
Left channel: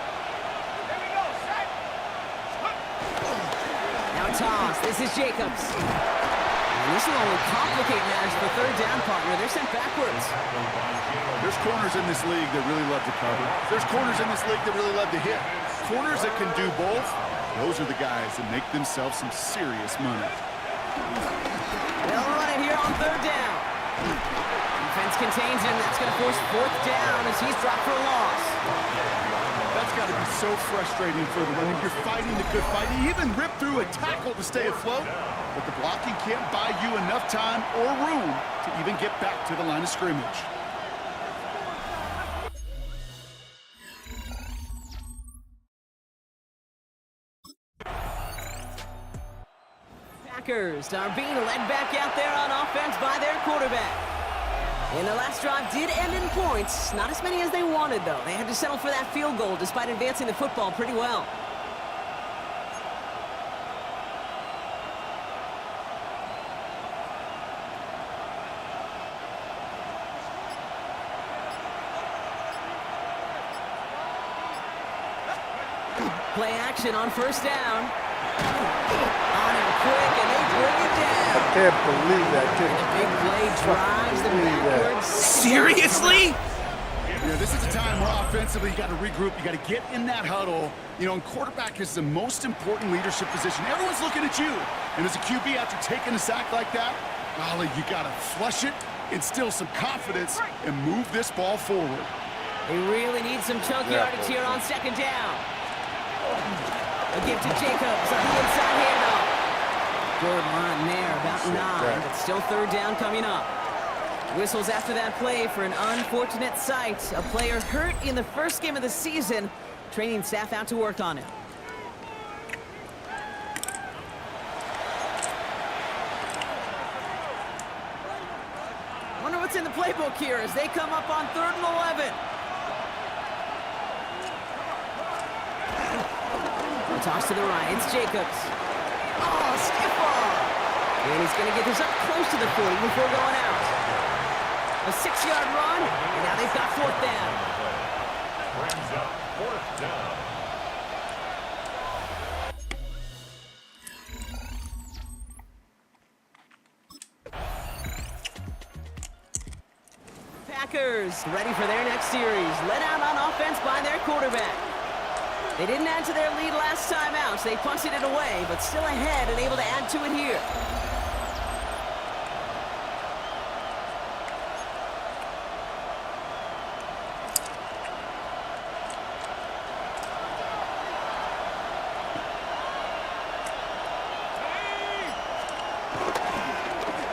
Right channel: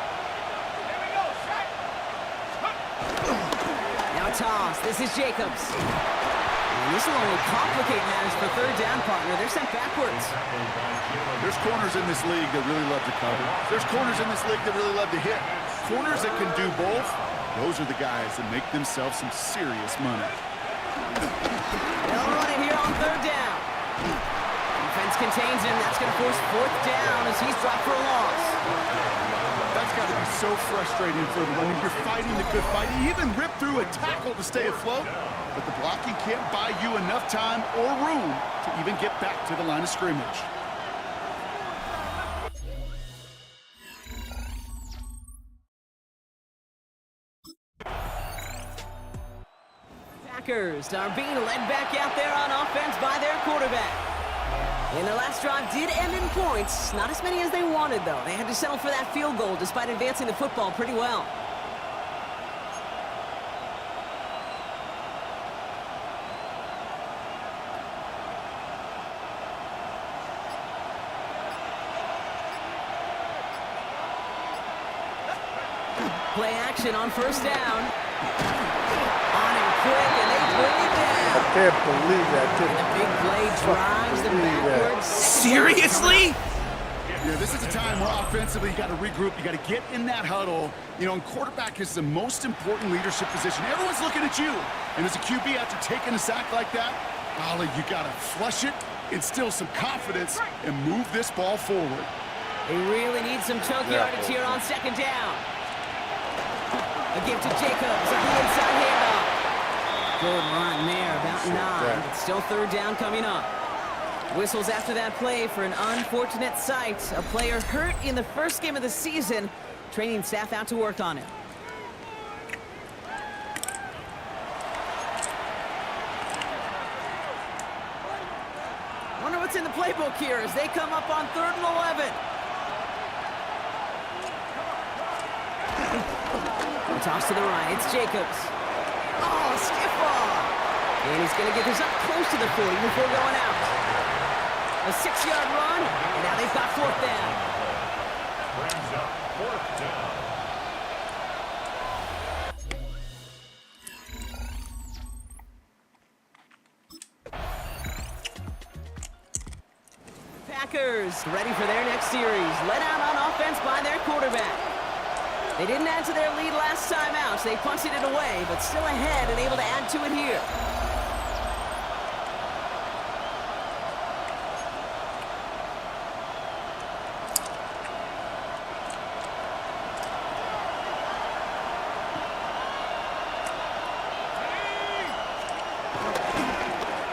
Now a toss. This is Jacobs. And this will only complicate matters for 3rd down, partner. They're sent backwards. There's corners in this league that really love to cover. There's corners in this league that really love to hit. Corners that can do both, those are the guys that make themselves some serious money. They'll run it here on 3rd down. He Defense contains him. That's going to force 4th down as he's dropped for a loss. That's got to be so frustrating for the running. You're fighting the good fight. He even ripped through a tackle to stay afloat, but the blocking can't buy you enough time or room to even get back to the line of scrimmage. Packers are being led back out there on offense by their quarterback. And the last drive did end in points. Not as many as they wanted, though. They had to settle for that field goal despite advancing the football pretty well. Play action on 1st down. On him quick, and they bring it down. I can't believe that. And the big play drives them backwards. Seriously? Yeah, this is a time where offensively you got to regroup. You got to get in that huddle. You know, and quarterback is the most important leadership position. Everyone's looking at you. And as a QB, after taking a sack like that, golly, you got to flush it, instill some confidence, and move this ball forward. They really need some chunk yardage here on 2nd down. A give to Jacobs on the inside handoff. Good run there, about 9, but still 3rd down coming up. Whistles after that play for an unfortunate sight. A player hurt in the 1st game of the season. Training staff out to work on him. Wonder what's in the playbook here as they come up on 3rd and 11. Toss to the right, it's Jacobs. Oh, stiff ball. And he's going to get this up close to the 40 before going out. A 6-yard run, and now they've got 4th down. Brings up 4th down. Packers ready for their next series. Led out on offense by their quarterback. They didn't add to their lead last time out, so they punted it away, but still ahead and able to add to it here.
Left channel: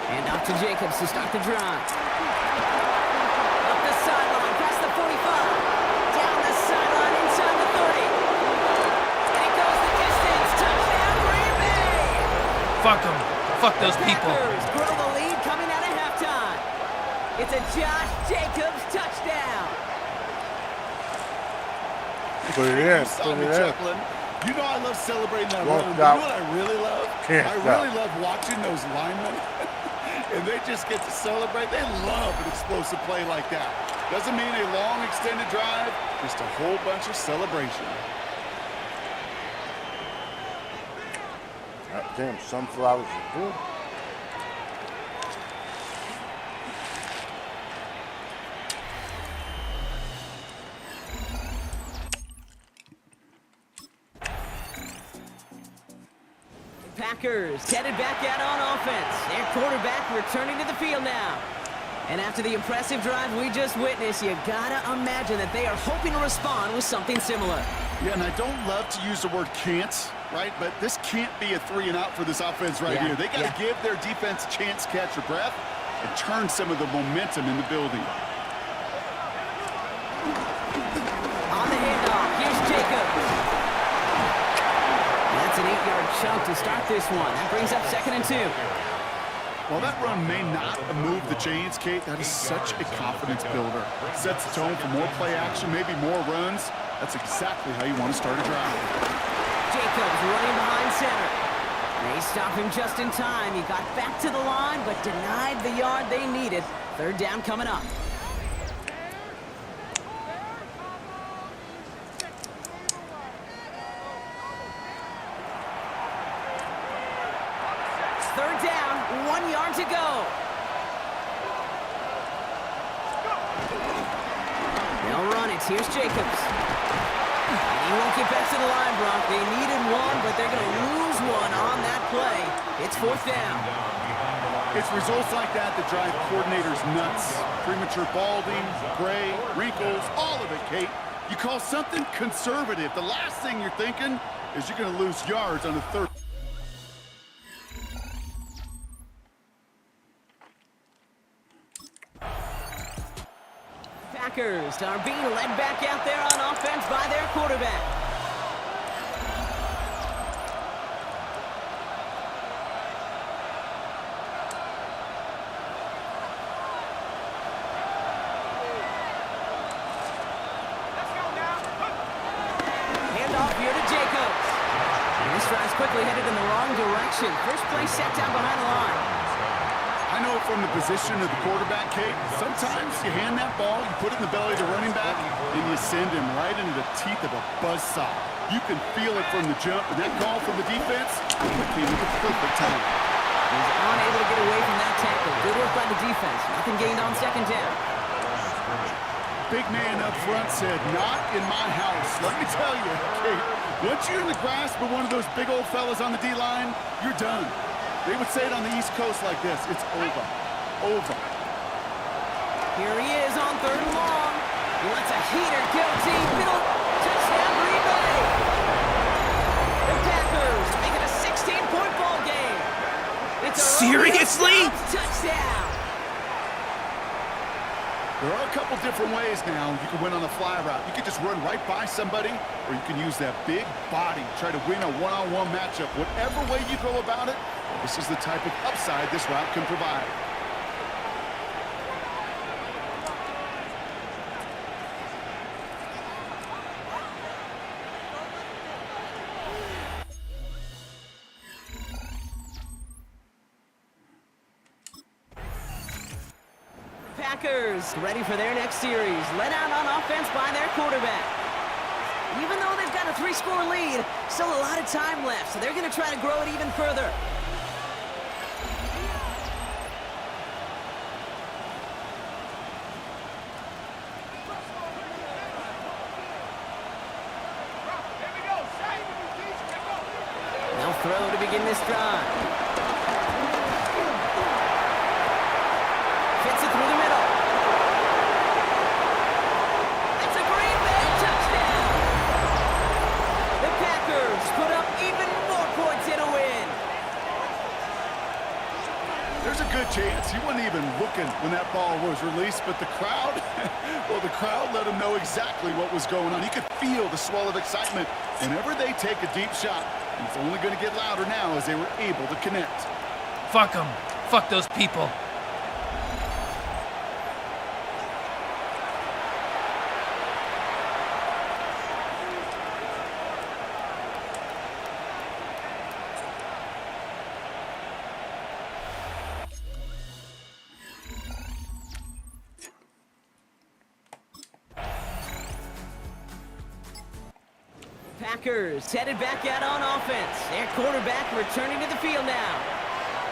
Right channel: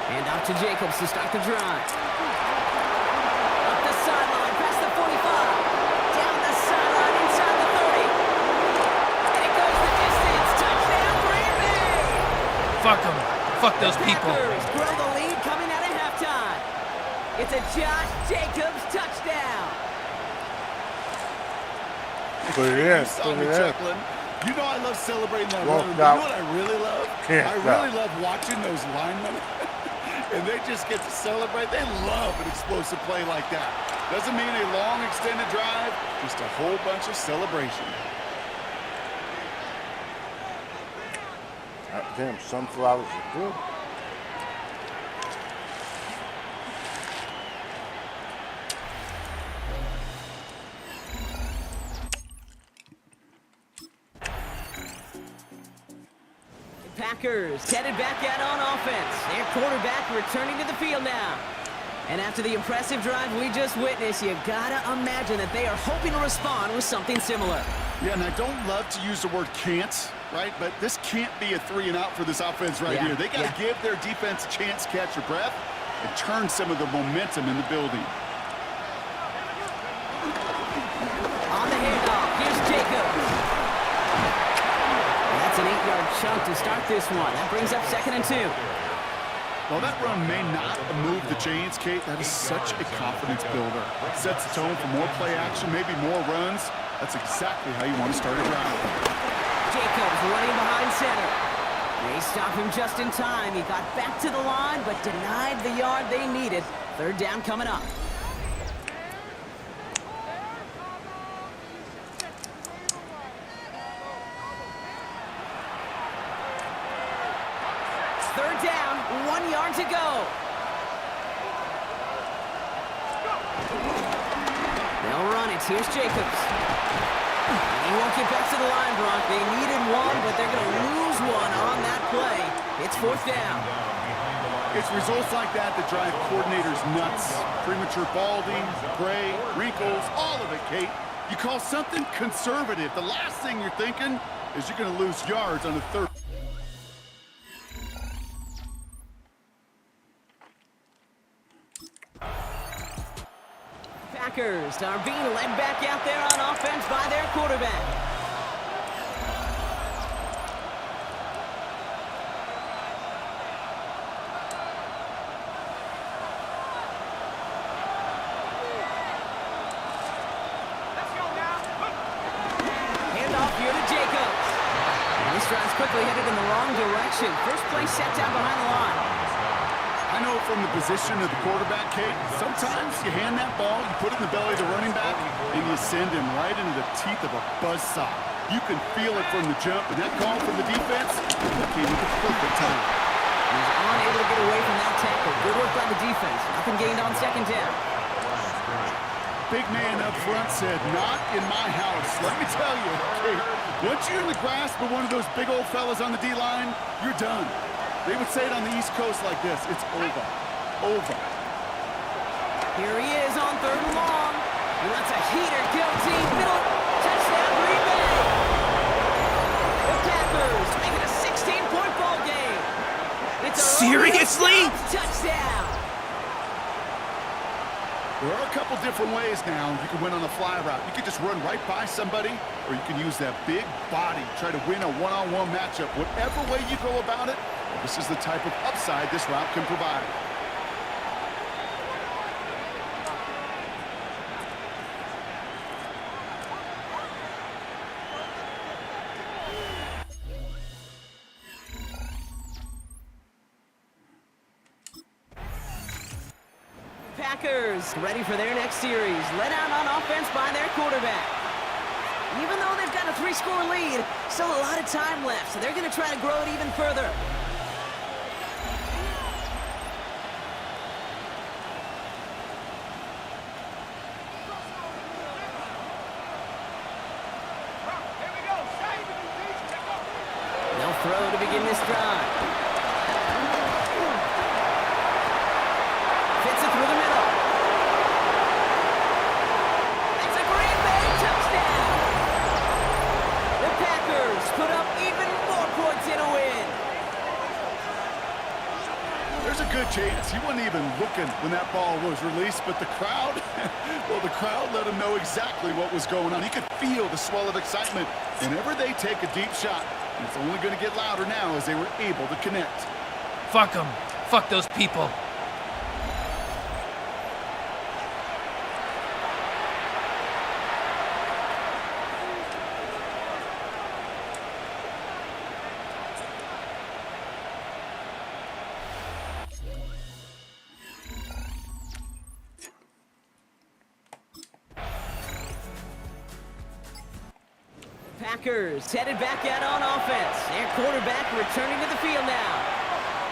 And off to Jacobs to start the drive. Up the sideline, past the 45. Down the sideline, inside the 30. And it goes the distance. Touchdown, Green Bay! Fuck them. Fuck those people. Packers grow the lead coming out of halftime. It's a Josh Jacobs touchdown. Put it in. Saw me Put it in. chuckling. You know I love celebrating that Won't run. stop. You know what I really love? Can't I stop. really love watching those linemen. And they just get to celebrate. They love an explosive play like that. Doesn't mean a long extended drive, just a whole bunch of celebration. God damn, sunflowers are good. Packers headed back out on offense. Their quarterback returning to the field now. And after the impressive drive we just witnessed, you gotta imagine that they are hoping to respond with something similar. Yeah, and I don't love to use the word can't, right? But this can't be a 3-and-out for this offense right here. They got to give their defense a chance to catch their breath and turn some of the momentum in the building. On the handoff, here's Jacobs. That's an 8-yard chunk to start this one. That brings up 2nd and 2. While that run may not have moved the chains, Kate, that is such a confidence builder. Sets the tone for more play action, maybe more runs. That's exactly how you want to start a drive. Jacobs running behind center. They stop him just in time. He got back to the line, but denied the yard they needed. 3rd down coming up. Third down, 1 yard to go. They'll run it. Here's Jacobs. And he won't get back to the line, Brock. They needed one, but they're going to lose one on that play. It's 4th down. Behind the line It's results like that that drive coordinators nuts. Premature balding, gray, wrinkles, all of it, Kate. You call something conservative. The last thing you're thinking is you're going to lose yards on the third. Packers are being led back out there on offense by their quarterback. Let's go now. Handoff here to Jacobs. And this drive's quickly headed in the wrong direction. First play set down behind the line. I know from the position of the quarterback, Kate, sometimes you hand that ball, you put it in the belly of the running back, and you send him right into the teeth of a buzzsaw. You can feel it from the jump, and that call from the defense came at the perfect time. He was unable to get away from that tackle. Good work by the defense. Nothing gained on second down. Big man up front said, not in my house. Let me tell you, Kate, once you're in the grasp of one of those big old fellas on the D-line, you're done. They would say it on the East Coast like this, it's over, over. Here he is on 3rd and long. He lets a heater go deep, middle, touchdown Green Bay. The Packers make it a 16-point ball game. It's a Seriously? Touchdown. There are a couple different ways now. You can win on a fly route. You can just run right by somebody, or you can use that big body, try to win a one-on-one matchup. Whatever way you go about it, this is the type of upside this route can provide. Packers ready for their next series. Led out on offense by their quarterback. Even though they've got a 3-score lead, still a lot of time left, so they're going to try to grow it even further. Here we go. Save it, They'll throw to begin this drive. Fits it through the middle. It's a Green Bay touchdown. The Packers put up even more points in a win. There's a good chance he wasn't even looking when that ball was released, but the crowd, well, the crowd let him know exactly what was going on. He could feel the swell of excitement whenever they take a deep shot. And it's only going to get louder now as they were able to connect. Fuck them. Fuck those people. Packers headed back out on offense. Their quarterback returning to the field now.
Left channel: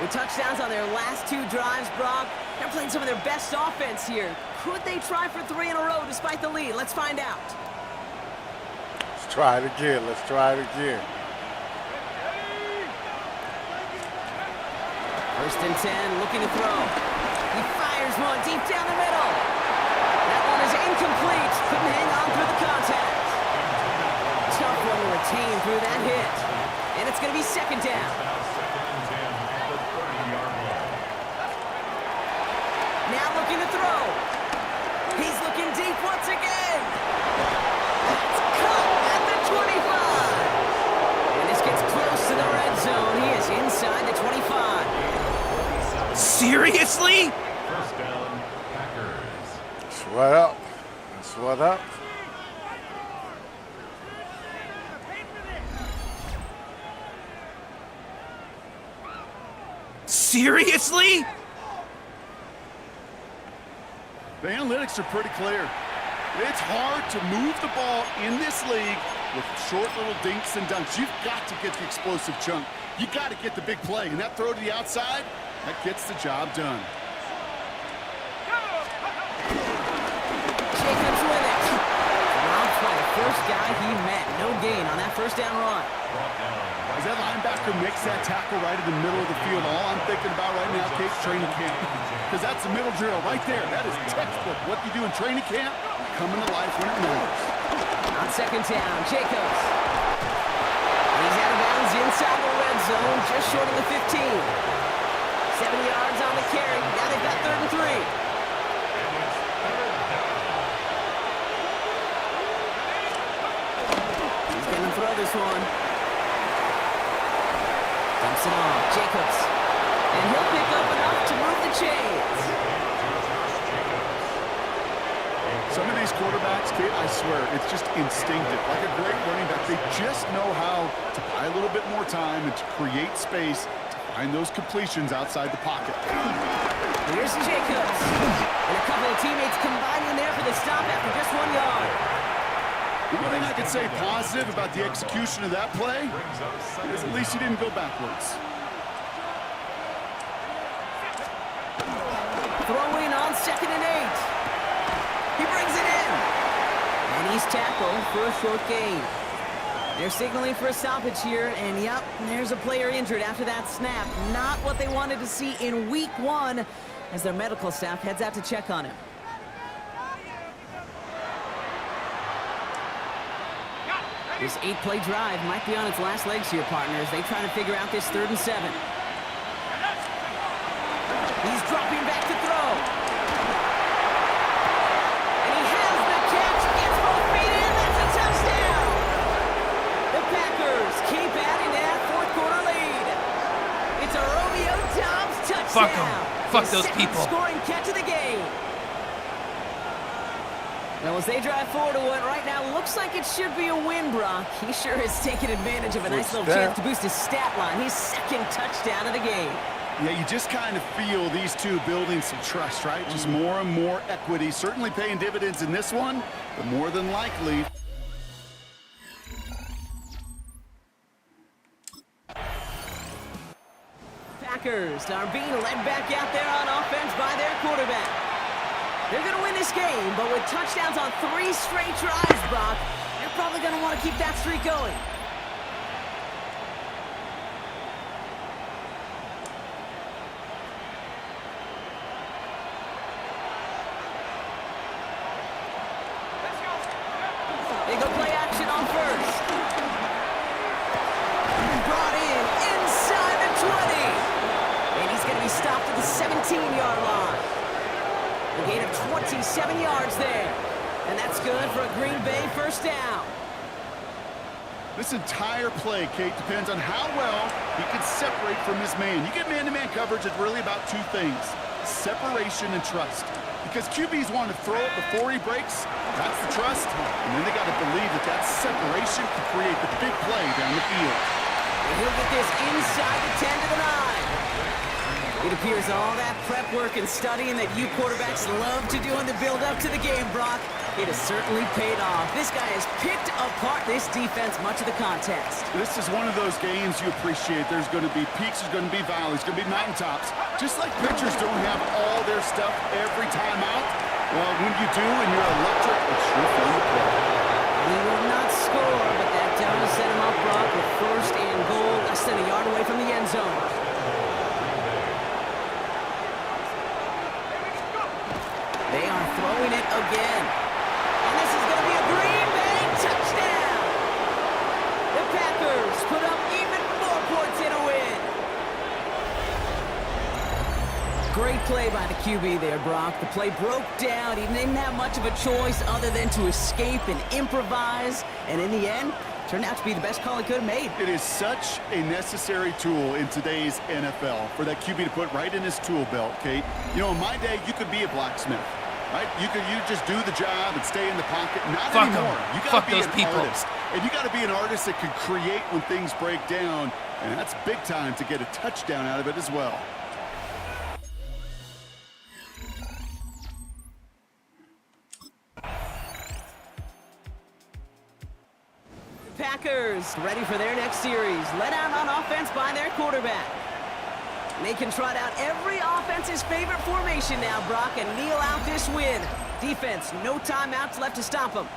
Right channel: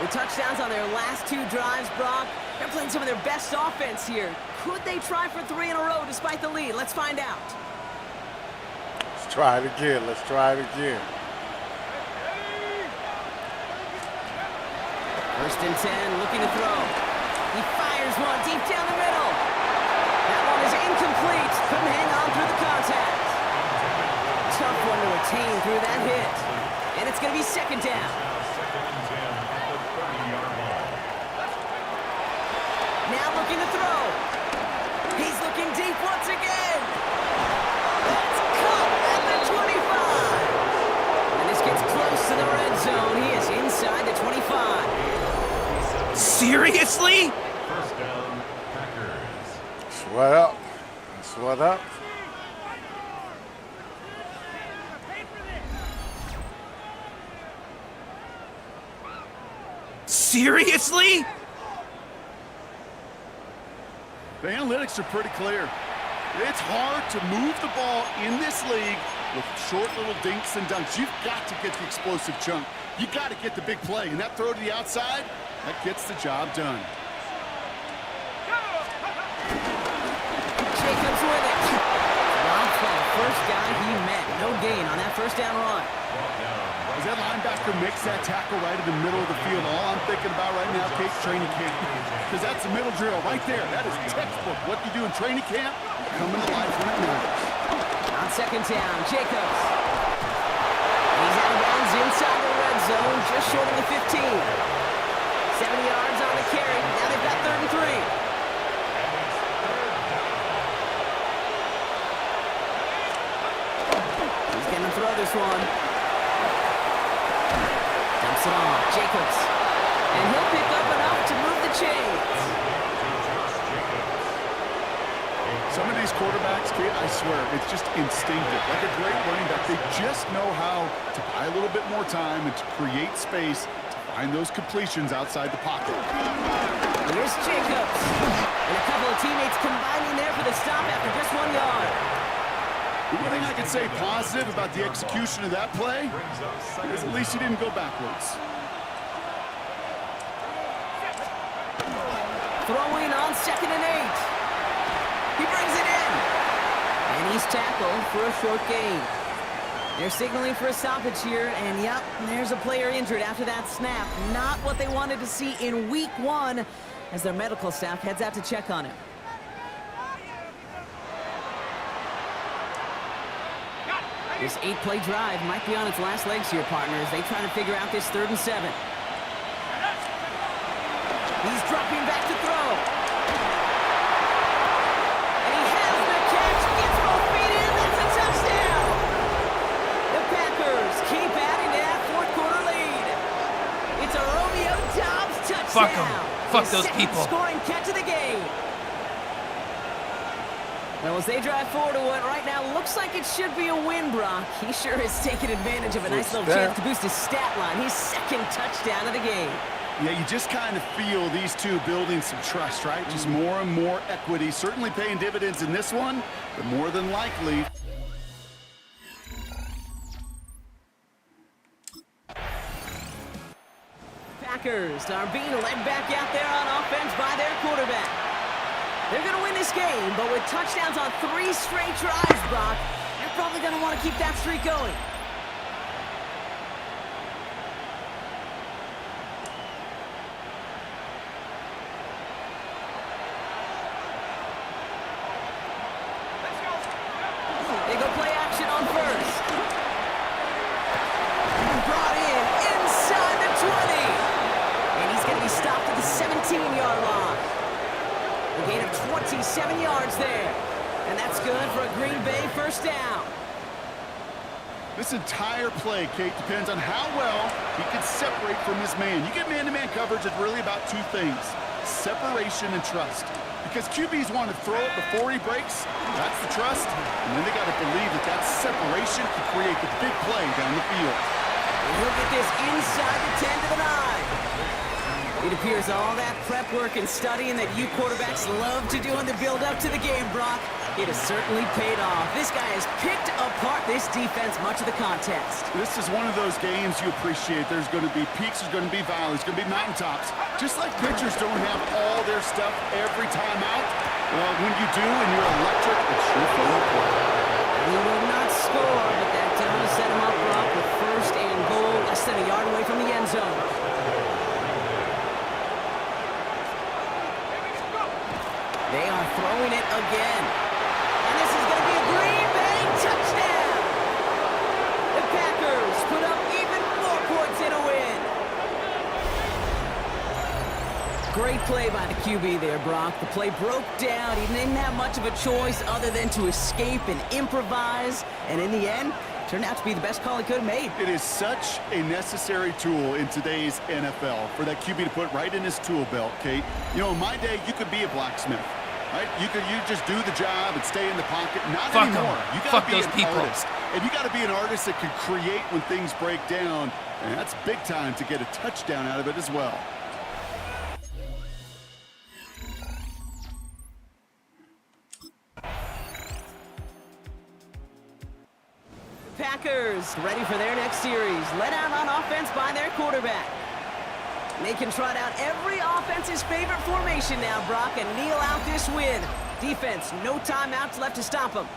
With touchdowns on their last 2 drives, Brock, they're playing some of their best offense here. Could they try for 3 in a row despite the lead? Let's find out. Let's try it again. Let's try it again. 1st and 10, looking to throw. He fires one deep down the middle. That one is incomplete. Couldn't hang on through the contact. Tough one to retain through that hit. And it's going to be 2nd down. Now 2nd and 10 at the 30-yard line. Now looking to throw. He's looking deep once again. That's caught at the 25. And this gets close to the red zone. He is inside the 25. Seriously? 1st down, Packers. Sweat up. Sweat up. Seriously? The analytics are pretty clear. It's hard to move the ball in this league with short little dinks and dunks. You've got to get the explosive chunk. You got to get the big play. And that throw to the outside, that gets the job done. Jacobs with it. Rob by the first guy he met. No gain on that first down run. As that linebacker makes that tackle right in the middle of the field, all I'm thinking about right now, Kate, training camp. Because that's the middle drill right there. That is textbook. What you do in training camp, coming to life when it matters. On second down, Jacobs. He's out of bounds inside the red zone, just short of the 15. 70 yards on the carry. Now they've got 3rd and 3. He's going to throw this one. Dumps it off. Jacobs. And he'll pick up enough to move the chains. Some of these quarterbacks, Kate, I swear, it's just instinctive. Like a great running back, they just know how to buy a little bit more time and to create space to find those completions outside the pocket. Here's Jacobs. And a couple of teammates combining there for the stop after just 1 yard. The one thing I can say positive about the execution of that play is at least he didn't go backwards. Throwing on 2nd and 8. He brings it in. And he's tackled for a short gain. They're signaling for a stoppage here, and yep, there's a player injured after that snap. Not what they wanted to see in week 1 as their medical staff heads out to check on him. This 8-play drive might be on its last legs here, partners. They try to figure out this 3rd and 7. He's dropping back to throw. And he has the catch, gets both feet in, that's a touchdown! The Packers keep adding to that 4th quarter lead. It's a Romeo Doubs touchdown. Fuck them. Fuck those people. Scoring catch of the game. Well, as they drive forward to what right now looks like it should be a win, Brock, he sure is taking advantage of a nice little chance to boost his stat line. His 2nd touchdown of the game. Yeah, you just kind of feel these two building some trust, right? Just more and more equity. Certainly paying dividends in this one, but more than likely. Packers are being led back out there on offense by their quarterback. They're going to win this game, but with touchdowns on 3 straight drives, Brock, they're probably going to want to keep that streak going. They go play action on 1st. Brought in inside the 20. And he's going to be stopped at the 17-yard line. A gain of 27 yards there. And that's good for a Green Bay 1st down. This entire play, Kate, depends on how well he can separate from his man. You get man-to-man coverage, it's really about 2 things. Separation and trust. Because QBs want to throw it before he breaks. That's the trust. And then they got to believe that that separation can create the big play down the field. And he'll get this inside the 10 to the 9. It appears all that prep work and studying that you quarterbacks love to do in the build-up to the game, Brock, it has certainly paid off. This guy has picked apart this defense much of the contest. This is one of those games you appreciate. There's going to be peaks, there's going to be valleys, there's going to be mountaintops. Just like pitchers don't have all their stuff every time out, well, when you do and you're electric, it's sure fun to play. He will not score, but that does set him up, Brock, with 1st and goal, less than a yard away from the end zone. They are throwing it again. And this is going to be a Green Bay touchdown. The Packers put up even more points in a win. Great play by the QB there, Brock. The play broke down. He didn't have much of a choice other than to escape and improvise. And in the end, turned out to be the best call he could have made. It is such a necessary tool in today's NFL for that QB to put right in his tool belt, Kate. You know, in my day, you could be a blacksmith. Right? You just do the job and stay in the pocket. Not Fuck anymore. them. You got to be those an people. artist. And you got to be an artist that can create when things break down. And that's big time to get a touchdown out of it as well. The Packers ready for their next series. Led out on offense by their quarterback. They can trot out every offense's favorite formation now, Brock, and kneel out this win. Defense, no timeouts left to stop them.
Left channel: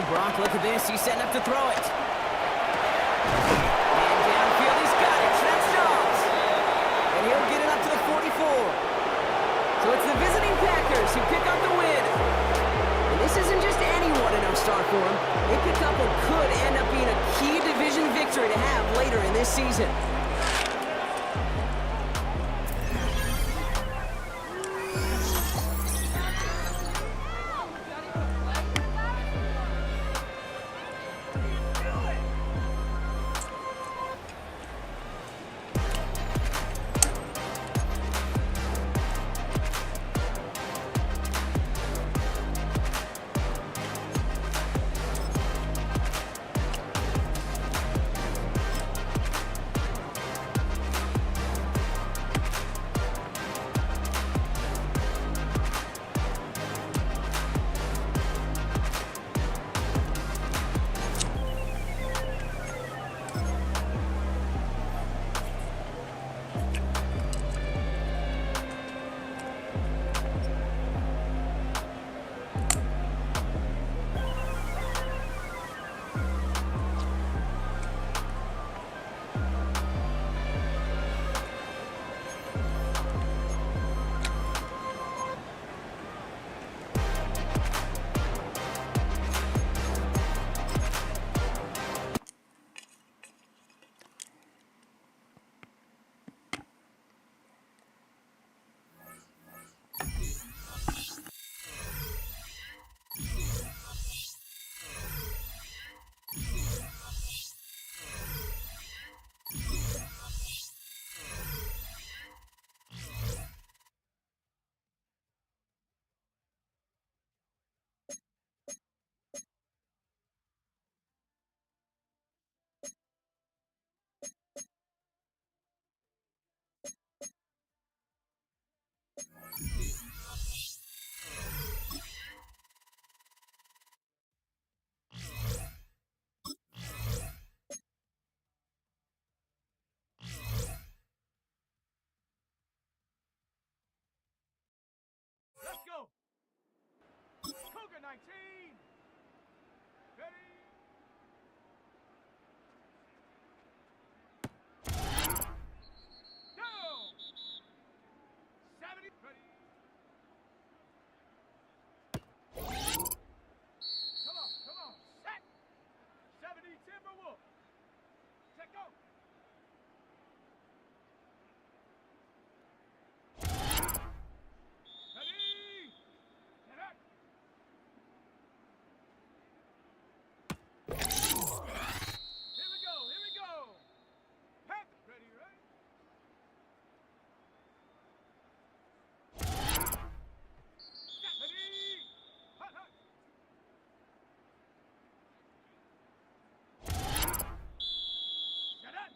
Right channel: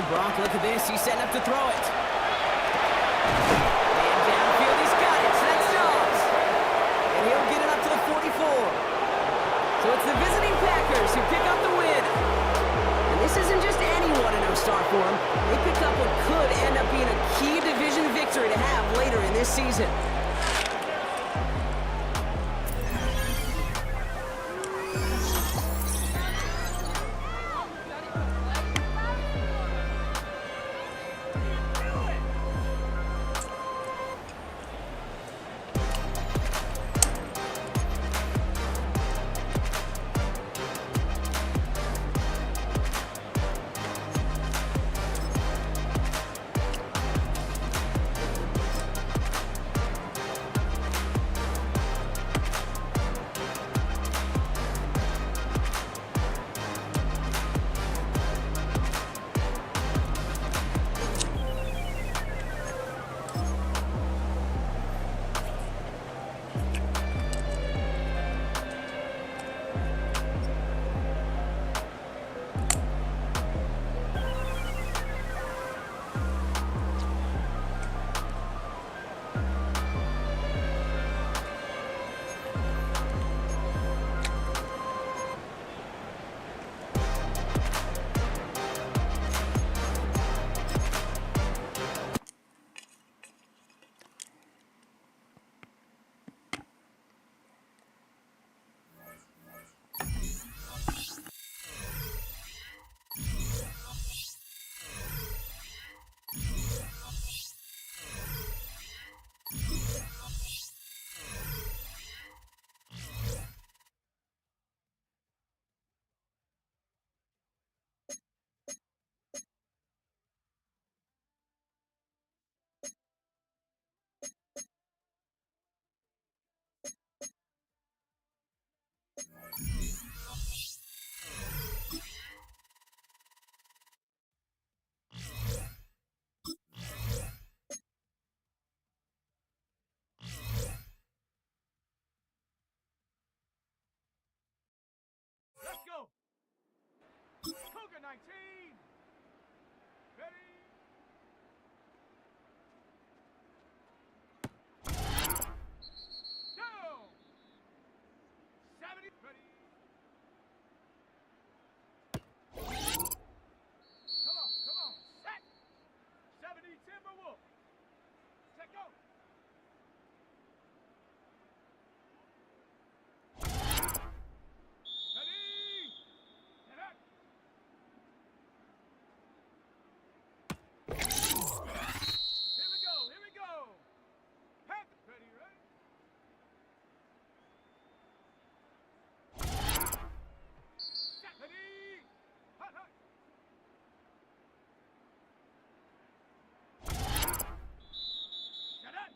Well, Brock, look at this. He's setting up to throw it. And downfield, he's got it. So that's Dobbs. And he'll get it up to the 44. So it's the visiting Packers who pick up the win. And this isn't just any 1-0 start for them. They pick up what could end up being a key division victory to have later in this season. Let's go. Cougar 19. Ready. Down. 70. Ready. Come on. Set. 70 Timberwolf. Set go. Shut up!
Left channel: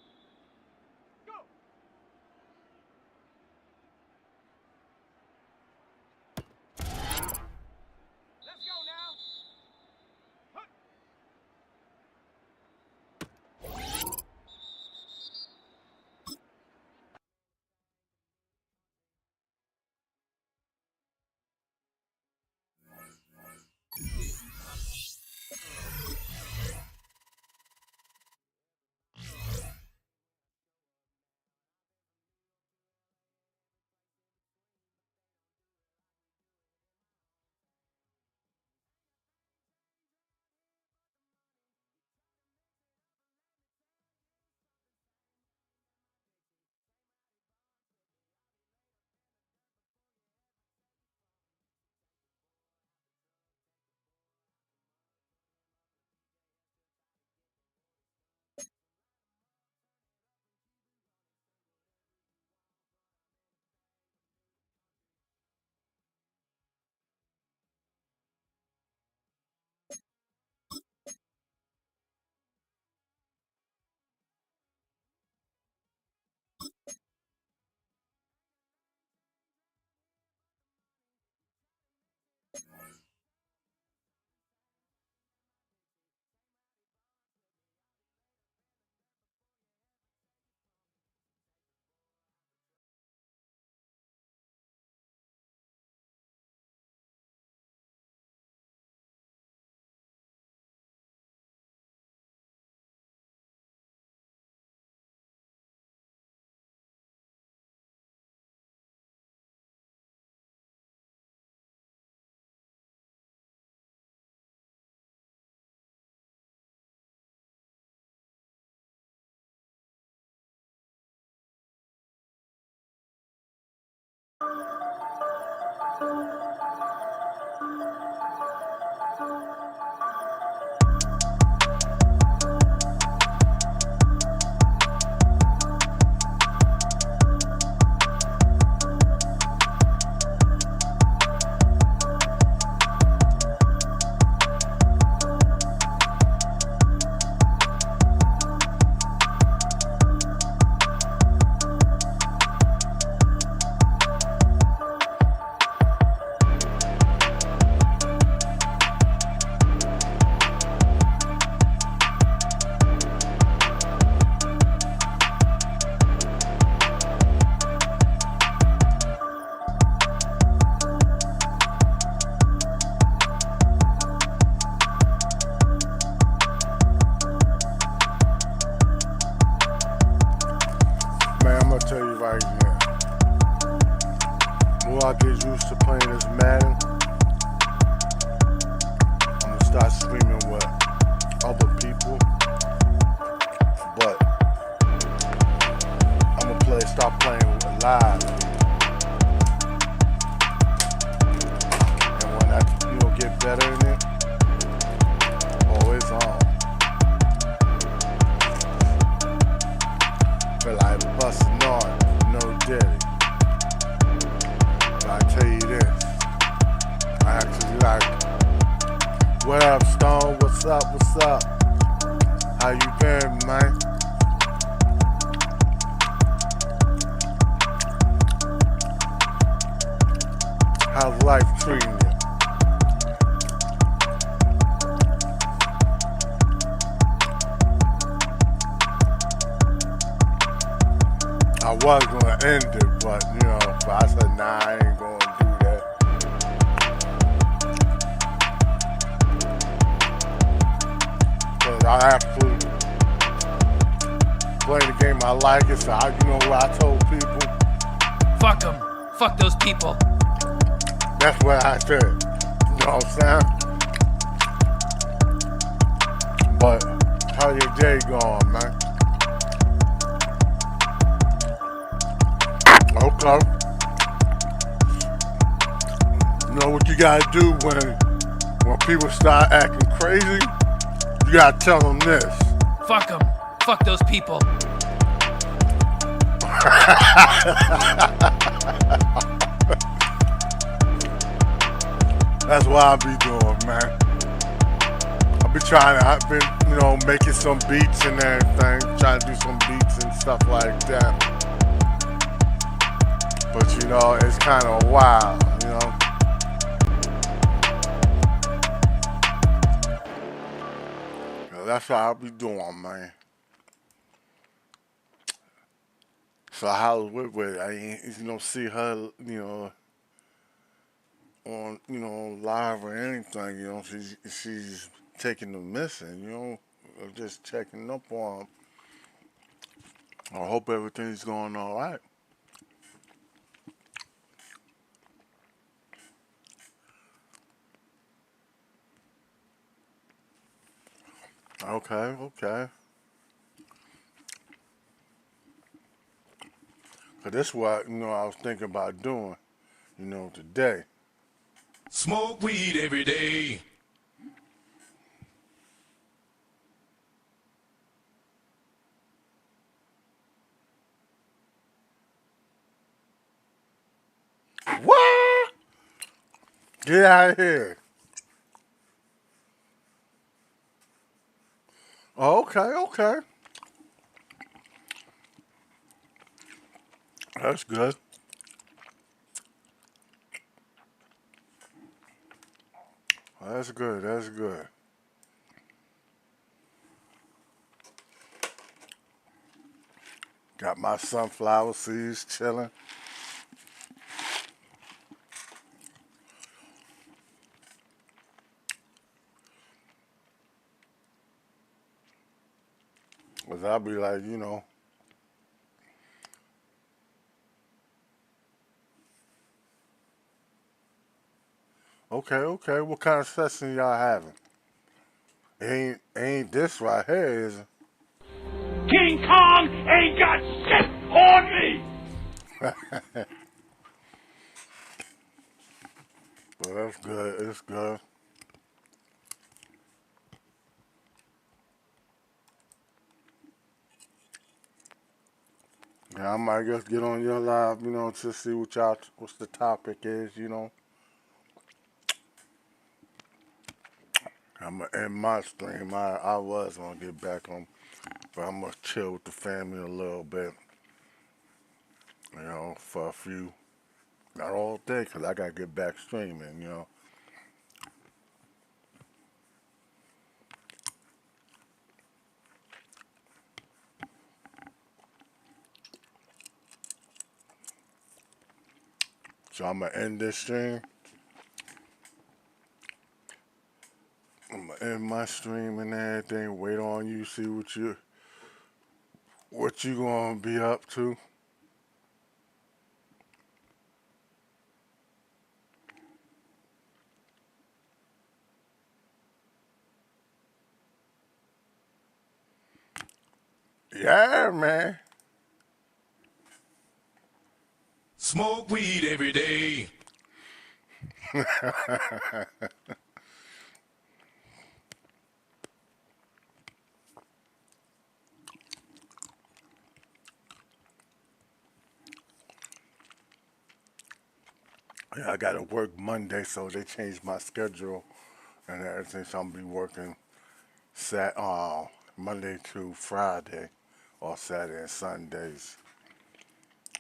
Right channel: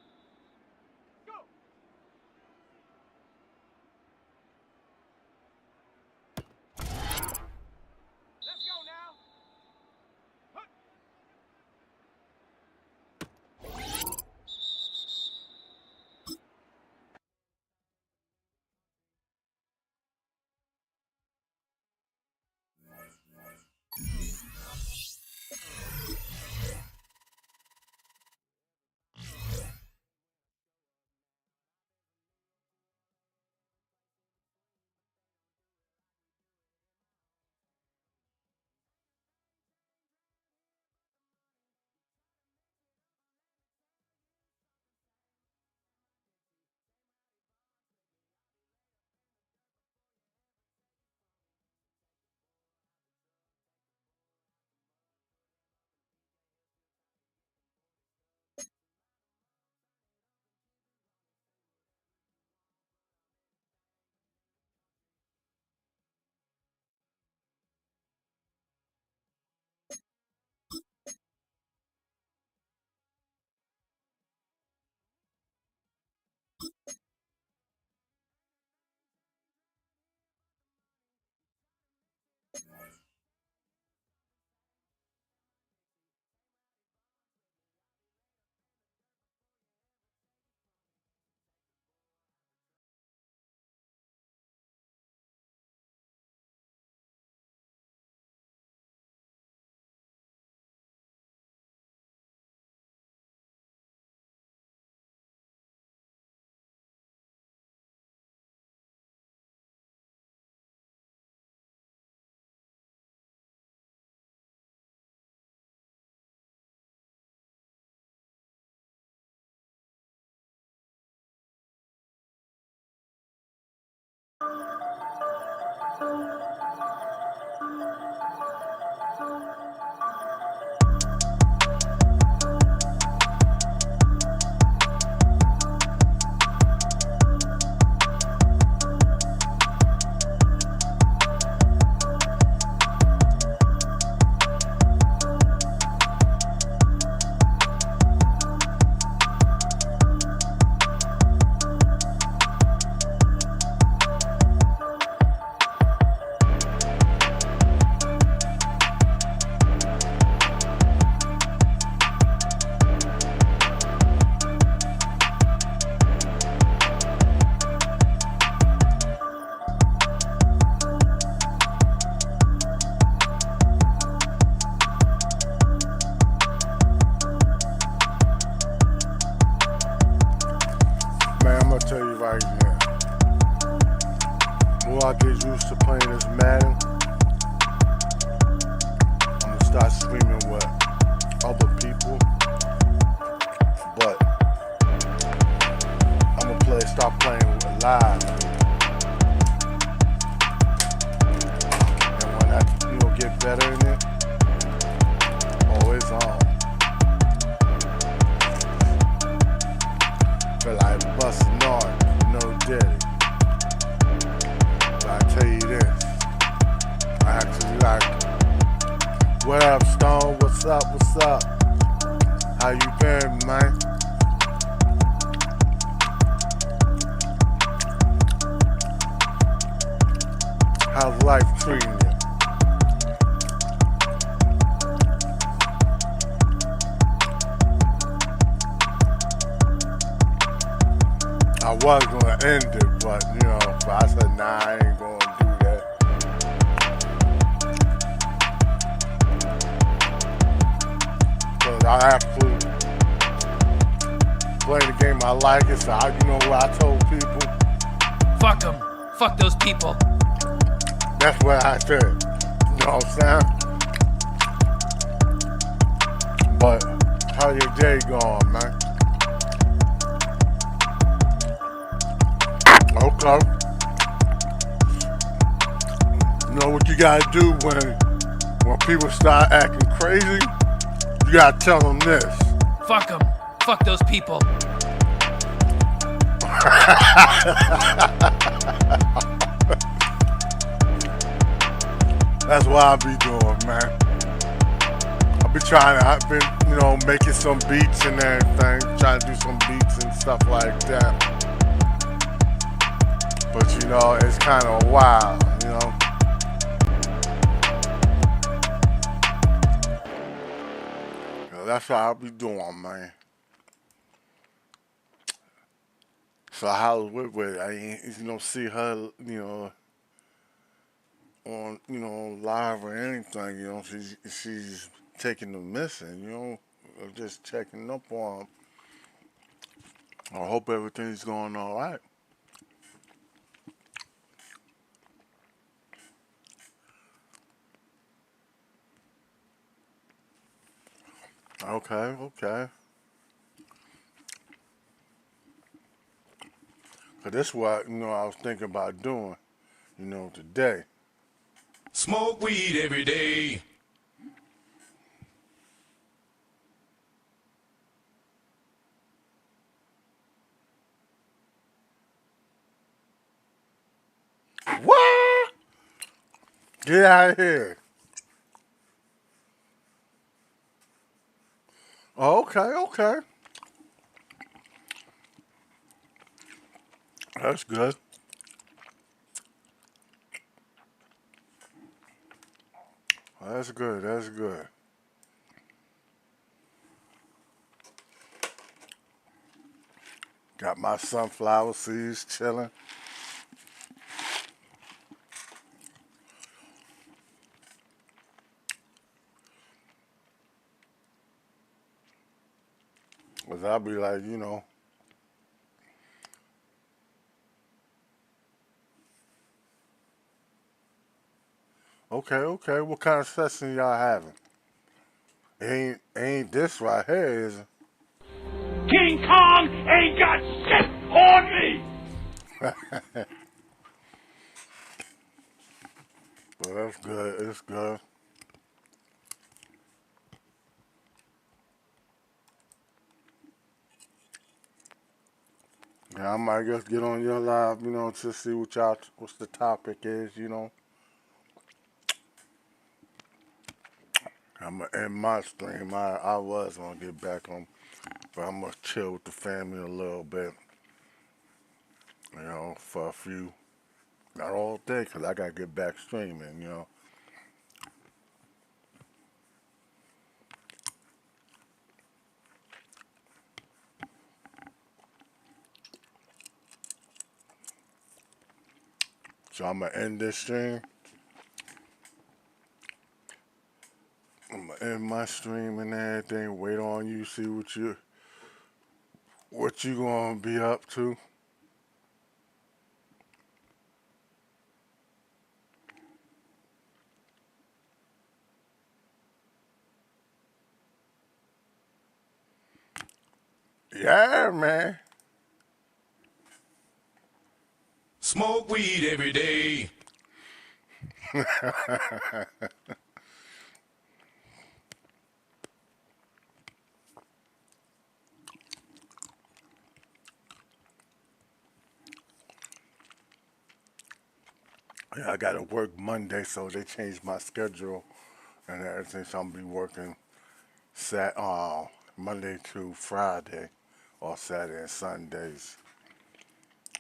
right now. The more I get used to playing this Madden, I'm gonna start streaming with other people. But I'm gonna start playing with live. And when I get better in it, always on. Feel like busting on, no daddy. But I tell you this, I actually like it. What up, Stone? What's up? What's up? How you been, man? How's life treating you? I was gonna end it, but but I said, nah, I ain't gonna do that. Cause I actually play the game I like it, so what I told people? Fuck them. Fuck those people. That's what I said. You know what I'm saying? But how your day going, man? Okay. You know what you gotta do when people start acting crazy? You gotta tell them this. Fuck them. Fuck those people. That's what I be doing, man. I've been, making some beats and everything, trying to do some beats and stuff like that. But it's kind of wild, That's what I'll be doing, man. So how's with I ain't, see her, on, live or anything, she's taking the missing, or just checking up on them. I hope everything's going all right. Okay. But this is what, I was thinking about doing, today. Smoke weed every day. What? Get out of here. Okay. That's good. That's good. Got my sunflower seeds chilling. Cause I'll be like, okay. What kind of session y'all having? Ain't this right here, is it? King Kong ain't got shit on me! Well, that's good. It's good. Yeah, I might just get on your live, to see what's the topic is, I'm gonna end my stream. I was gonna get back on, but I'm gonna chill with the family a little bit, for a few, not all day, cause I gotta get back streaming, So I'm gonna end this stream. I'm gonna end my stream and everything. Wait on you, see what you gonna be up to. Yeah, man. Smoke weed every day. Yeah, I gotta work Monday, so they changed my schedule and everything. So I'm gonna be working Monday to Friday, or Saturday and Sundays.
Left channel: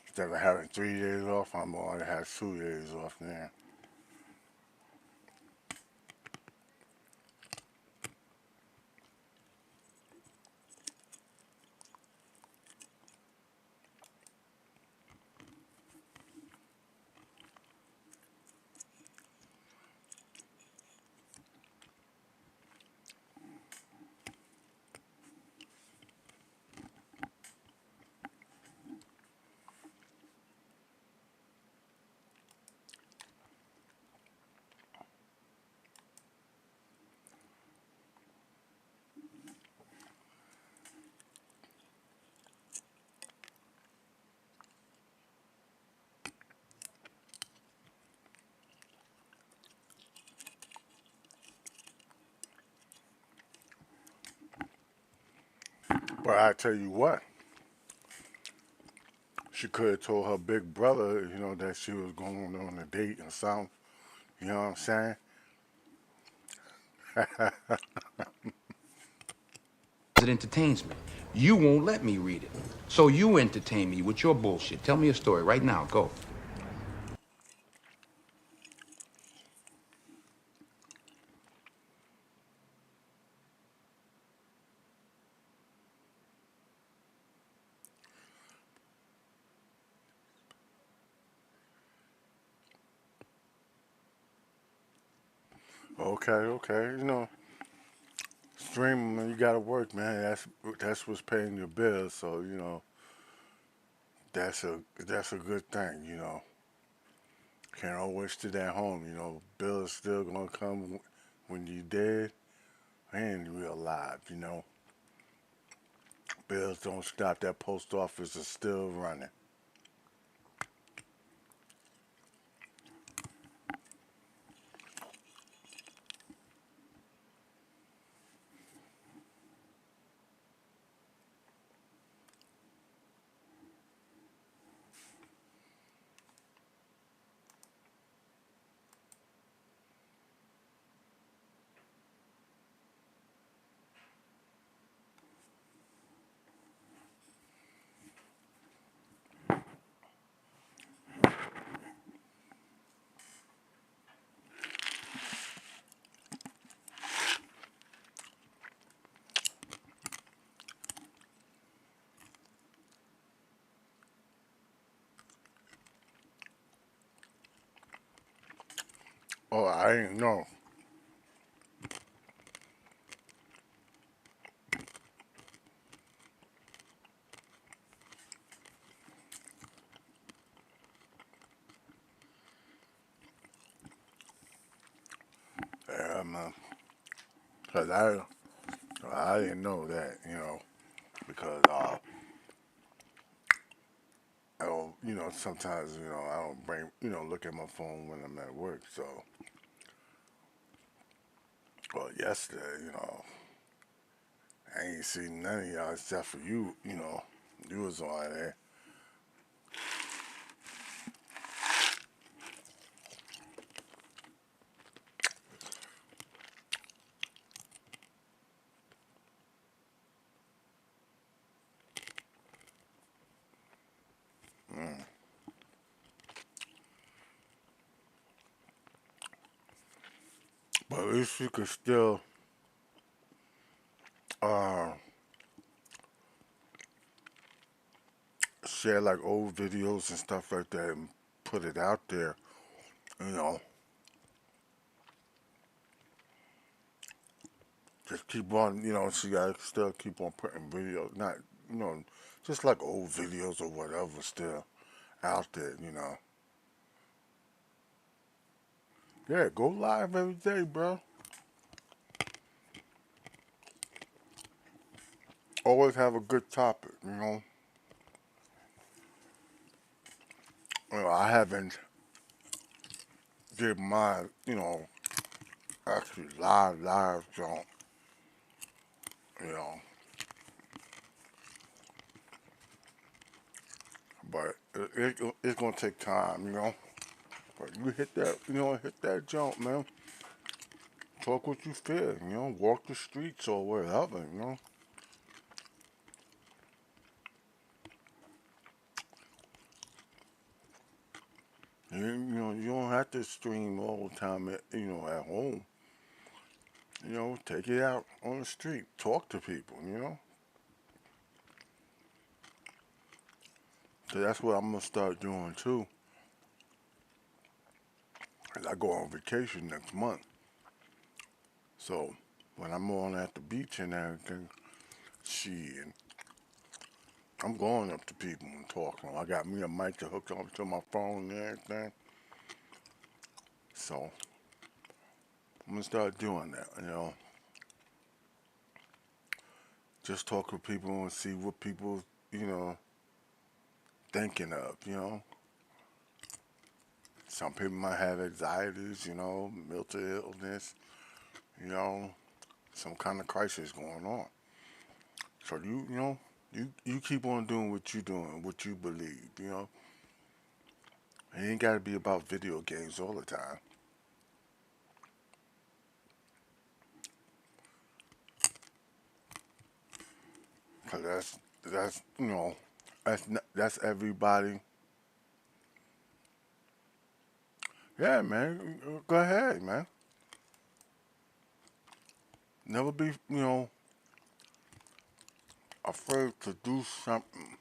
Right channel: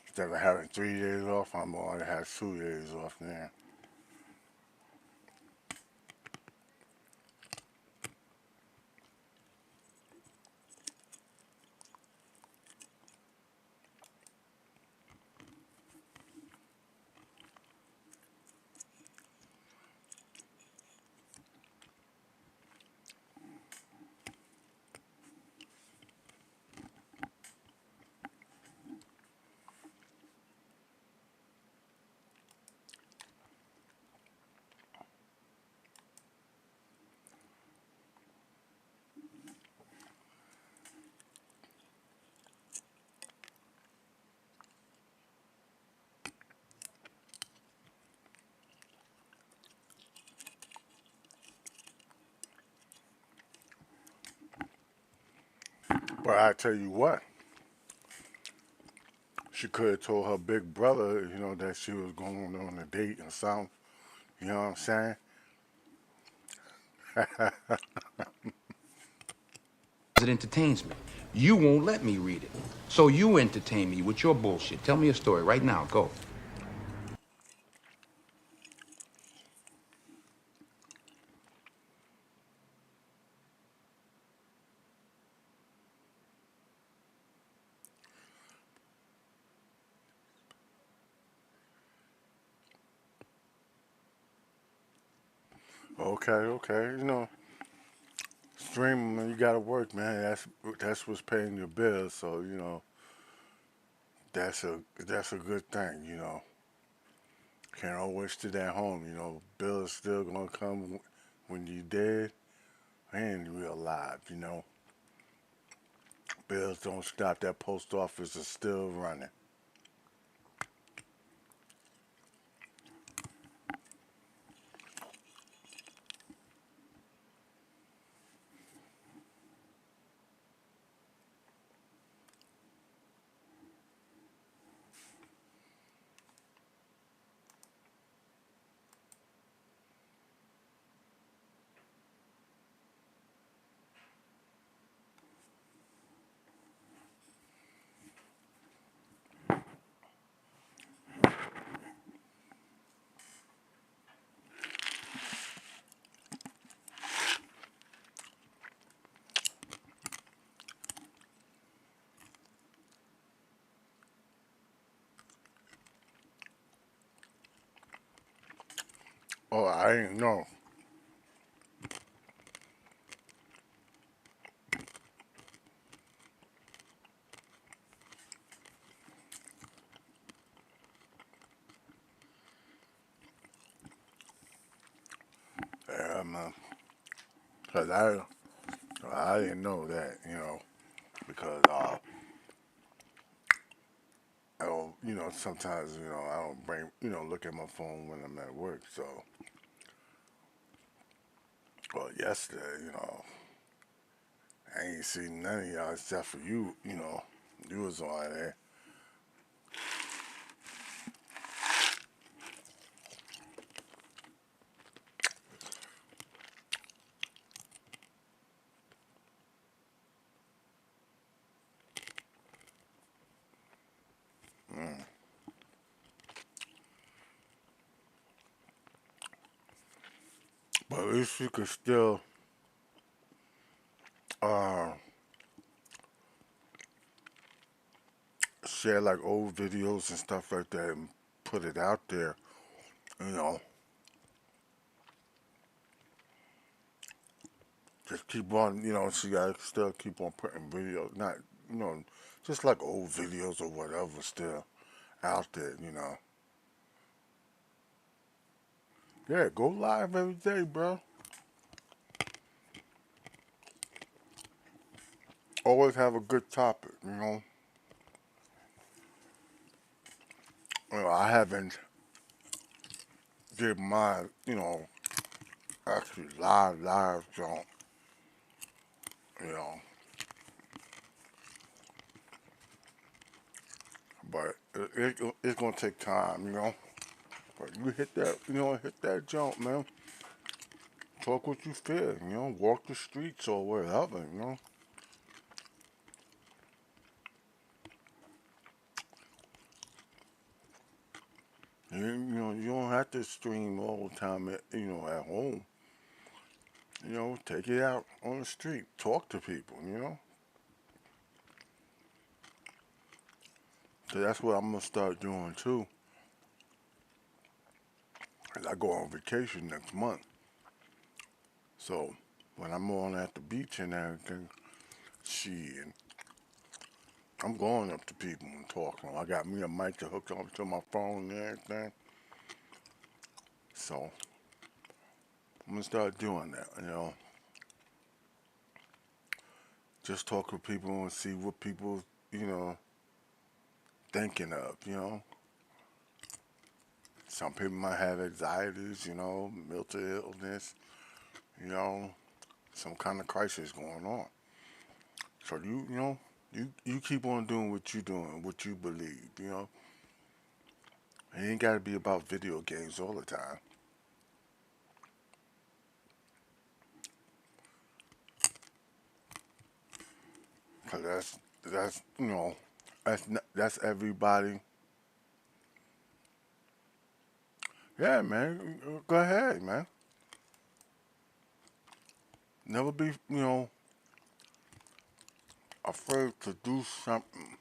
Instead of having 3 days off, I'm gonna have 2 days off now. But I tell you what, she could have told her big brother, that she was going on a date or something. You know what I'm saying? It entertains me. You won't let me read it. So you entertain me with your bullshit. Tell me a story right now. Go. Okay, okay. Streaming, man, you gotta work, man. That's what's paying your bills. So that's a good thing. Can't always sit at home. Bills still gonna come when you dead and you're alive. Bills don't stop. That post office is still running. Oh, I didn't know. Yeah, man. Cause I didn't know that. Because I don't, sometimes I don't look at my phone when I'm at work. So, well, yesterday, I ain't seen none of y'all except for you. You was on there. But at least you could still uh, share like old videos and stuff like that and put it out there. You know, just keep on. So you gotta still keep on putting videos, not you know, just like old videos or whatever, still out there. Yeah, go live every day, bro. always have a good topic, you know. I haven't did my, actually live jump, you know, but it's gonna take time, you know. But you hit that, hit that jump, man. Talk what you feel, walk the streets or whatever, You don't have to stream all the time, at home. Take it out on the street. Talk to people. So that's what I'm gonna start doing too. As I go on vacation next month. So when I'm on at the beach and everything, shit, I'm going up to people and talking. I got me a mic to hook up to my phone and everything. So I'm gonna start doing that. Just talk with people and see what people, thinking of. Some people might have anxieties, mental illness, some kind of crisis going on. So you keep on doing what you're doing, what you believe. It ain't got to be about video games all the time. Cause that's everybody. Yeah, man, go ahead, man. Never be, afraid to do something.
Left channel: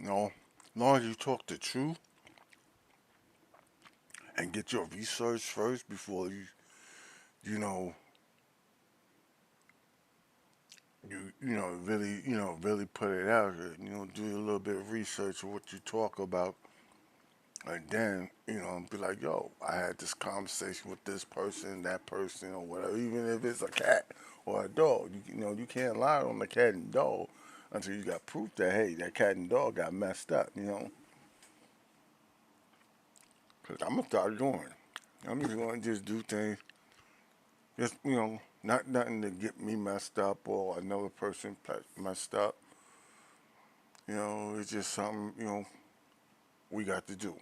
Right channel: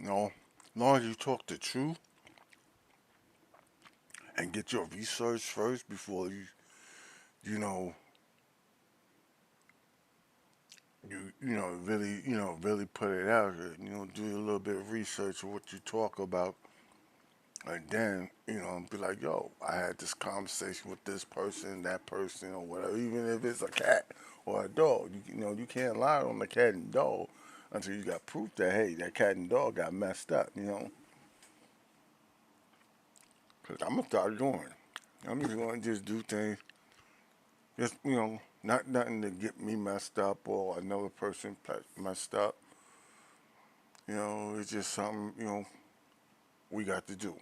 As long as you talk the truth and get your research first before you know, really put it out here. Do a little bit of research of what you talk about, and then be like, yo, I had this conversation with this person, that person, or whatever. Even if it's a cat or a dog, you can't lie on the cat and dog until you got proof that hey, that cat and dog got messed up. Cause I'm gonna start going. I'm just gonna just do things. Just not nothing to get me messed up or another person messed up. It's just something we got to do.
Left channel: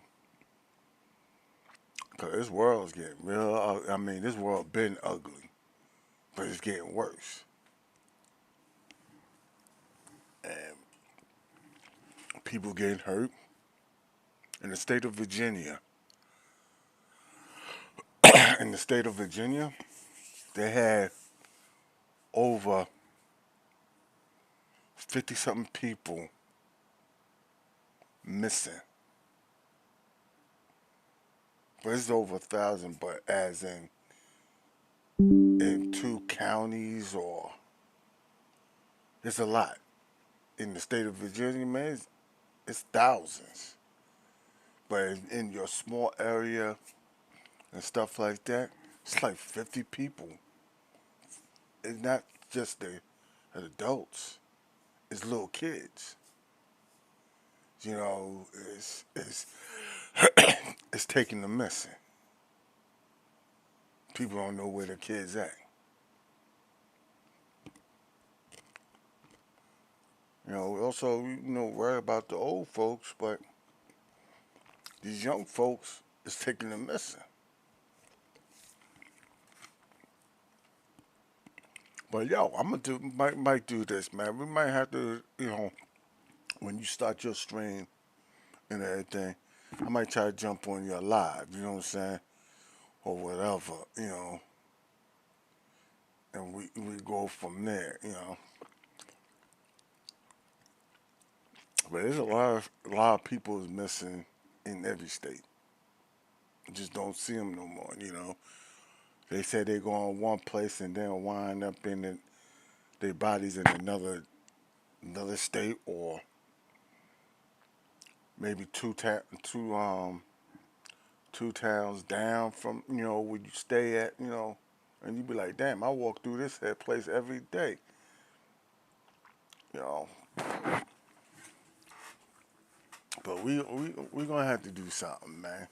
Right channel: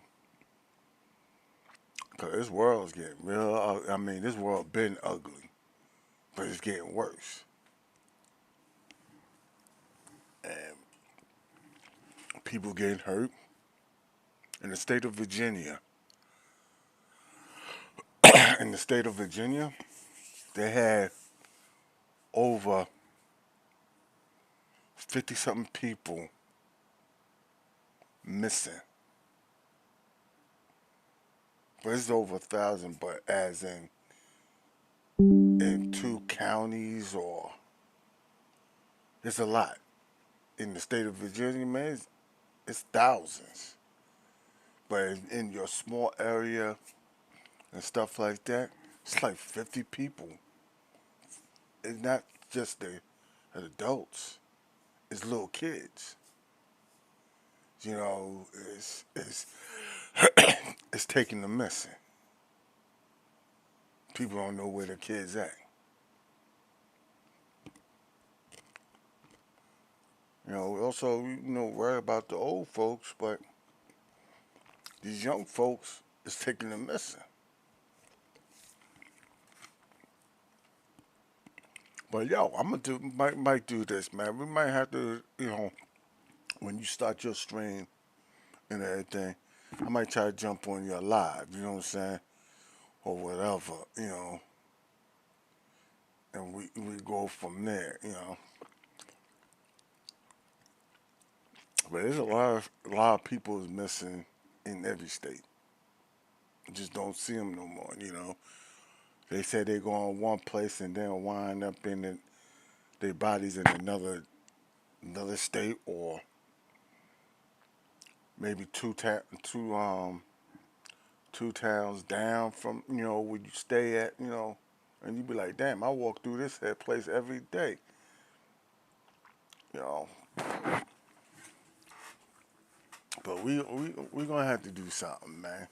Cause this world's getting real. I mean, this world been ugly, but it's getting worse. And people getting hurt. In the state of Virginia, in the state of Virginia, they had over 50 something people missing. But it's over 1,000, but as in 2 counties or it's a lot. In the state of Virginia, man, it's thousands. But in your small area and stuff like that, it's like 50 people. It's not just the adults, it's little kids. It's it's taking the missing. People don't know where the kids at. Also, worry about the old folks, but these young folks is taking the missing. But yo, I'm gonna might do this, man. We might have to, when you start your stream and everything, I might try to jump on your live. You know what I'm saying, or whatever, and we go from there. But there's a lot of people is missing in every state. Just don't see them no more. They say they go on one place and then wind up in their bodies in another state or maybe two 2 towns down from, you know, where you stay at, you know, and you be like, damn, I walk through this here place every day. You know. But we gonna have to do something, man.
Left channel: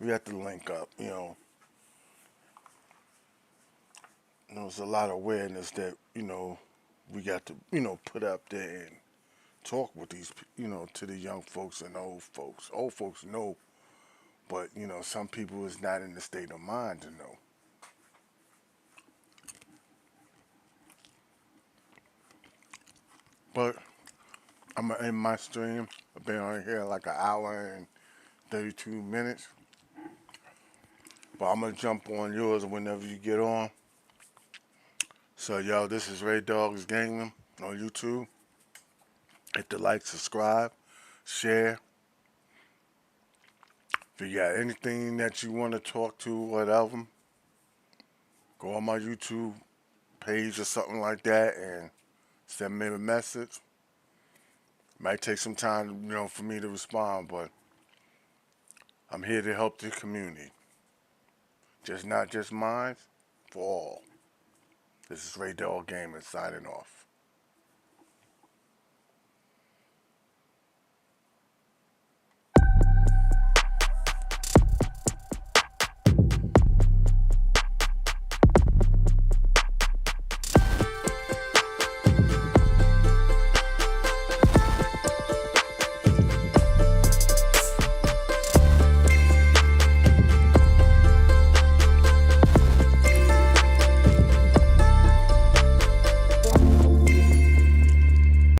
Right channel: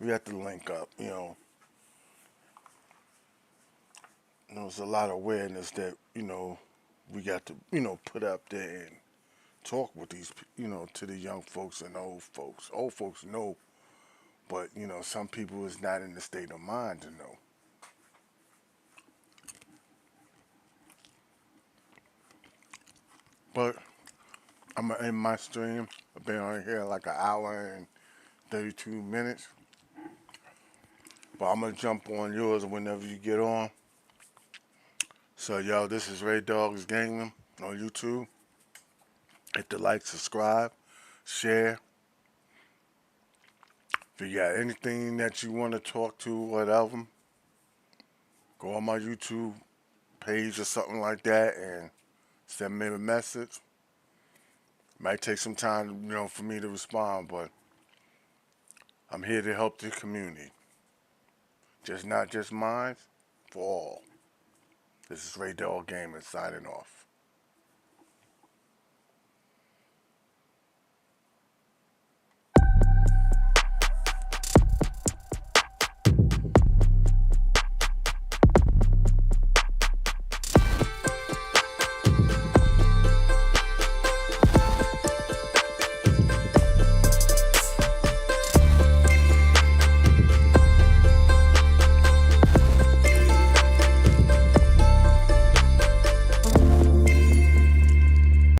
We have to link up, you know. There's a lot of awareness that, you know, we got to, you know, put up there and talk with these, you know, to the young folks and old folks. Old folks know, but, you know, some people is not in the state of mind to know. But I'm gonna end my stream. I've been on here like an hour and 32 minutes. But I'm gonna jump on yours whenever you get on. So y'all, this is Raydawg-Gaming on YouTube. Hit the like, subscribe, share. If you got anything that you want to talk to, whatever, go on my YouTube page or something like that and send me a message. Might take some time, you know, for me to respond, but I'm here to help the community. Just not just mine, for all. This is Raydawg-Gaming signing off.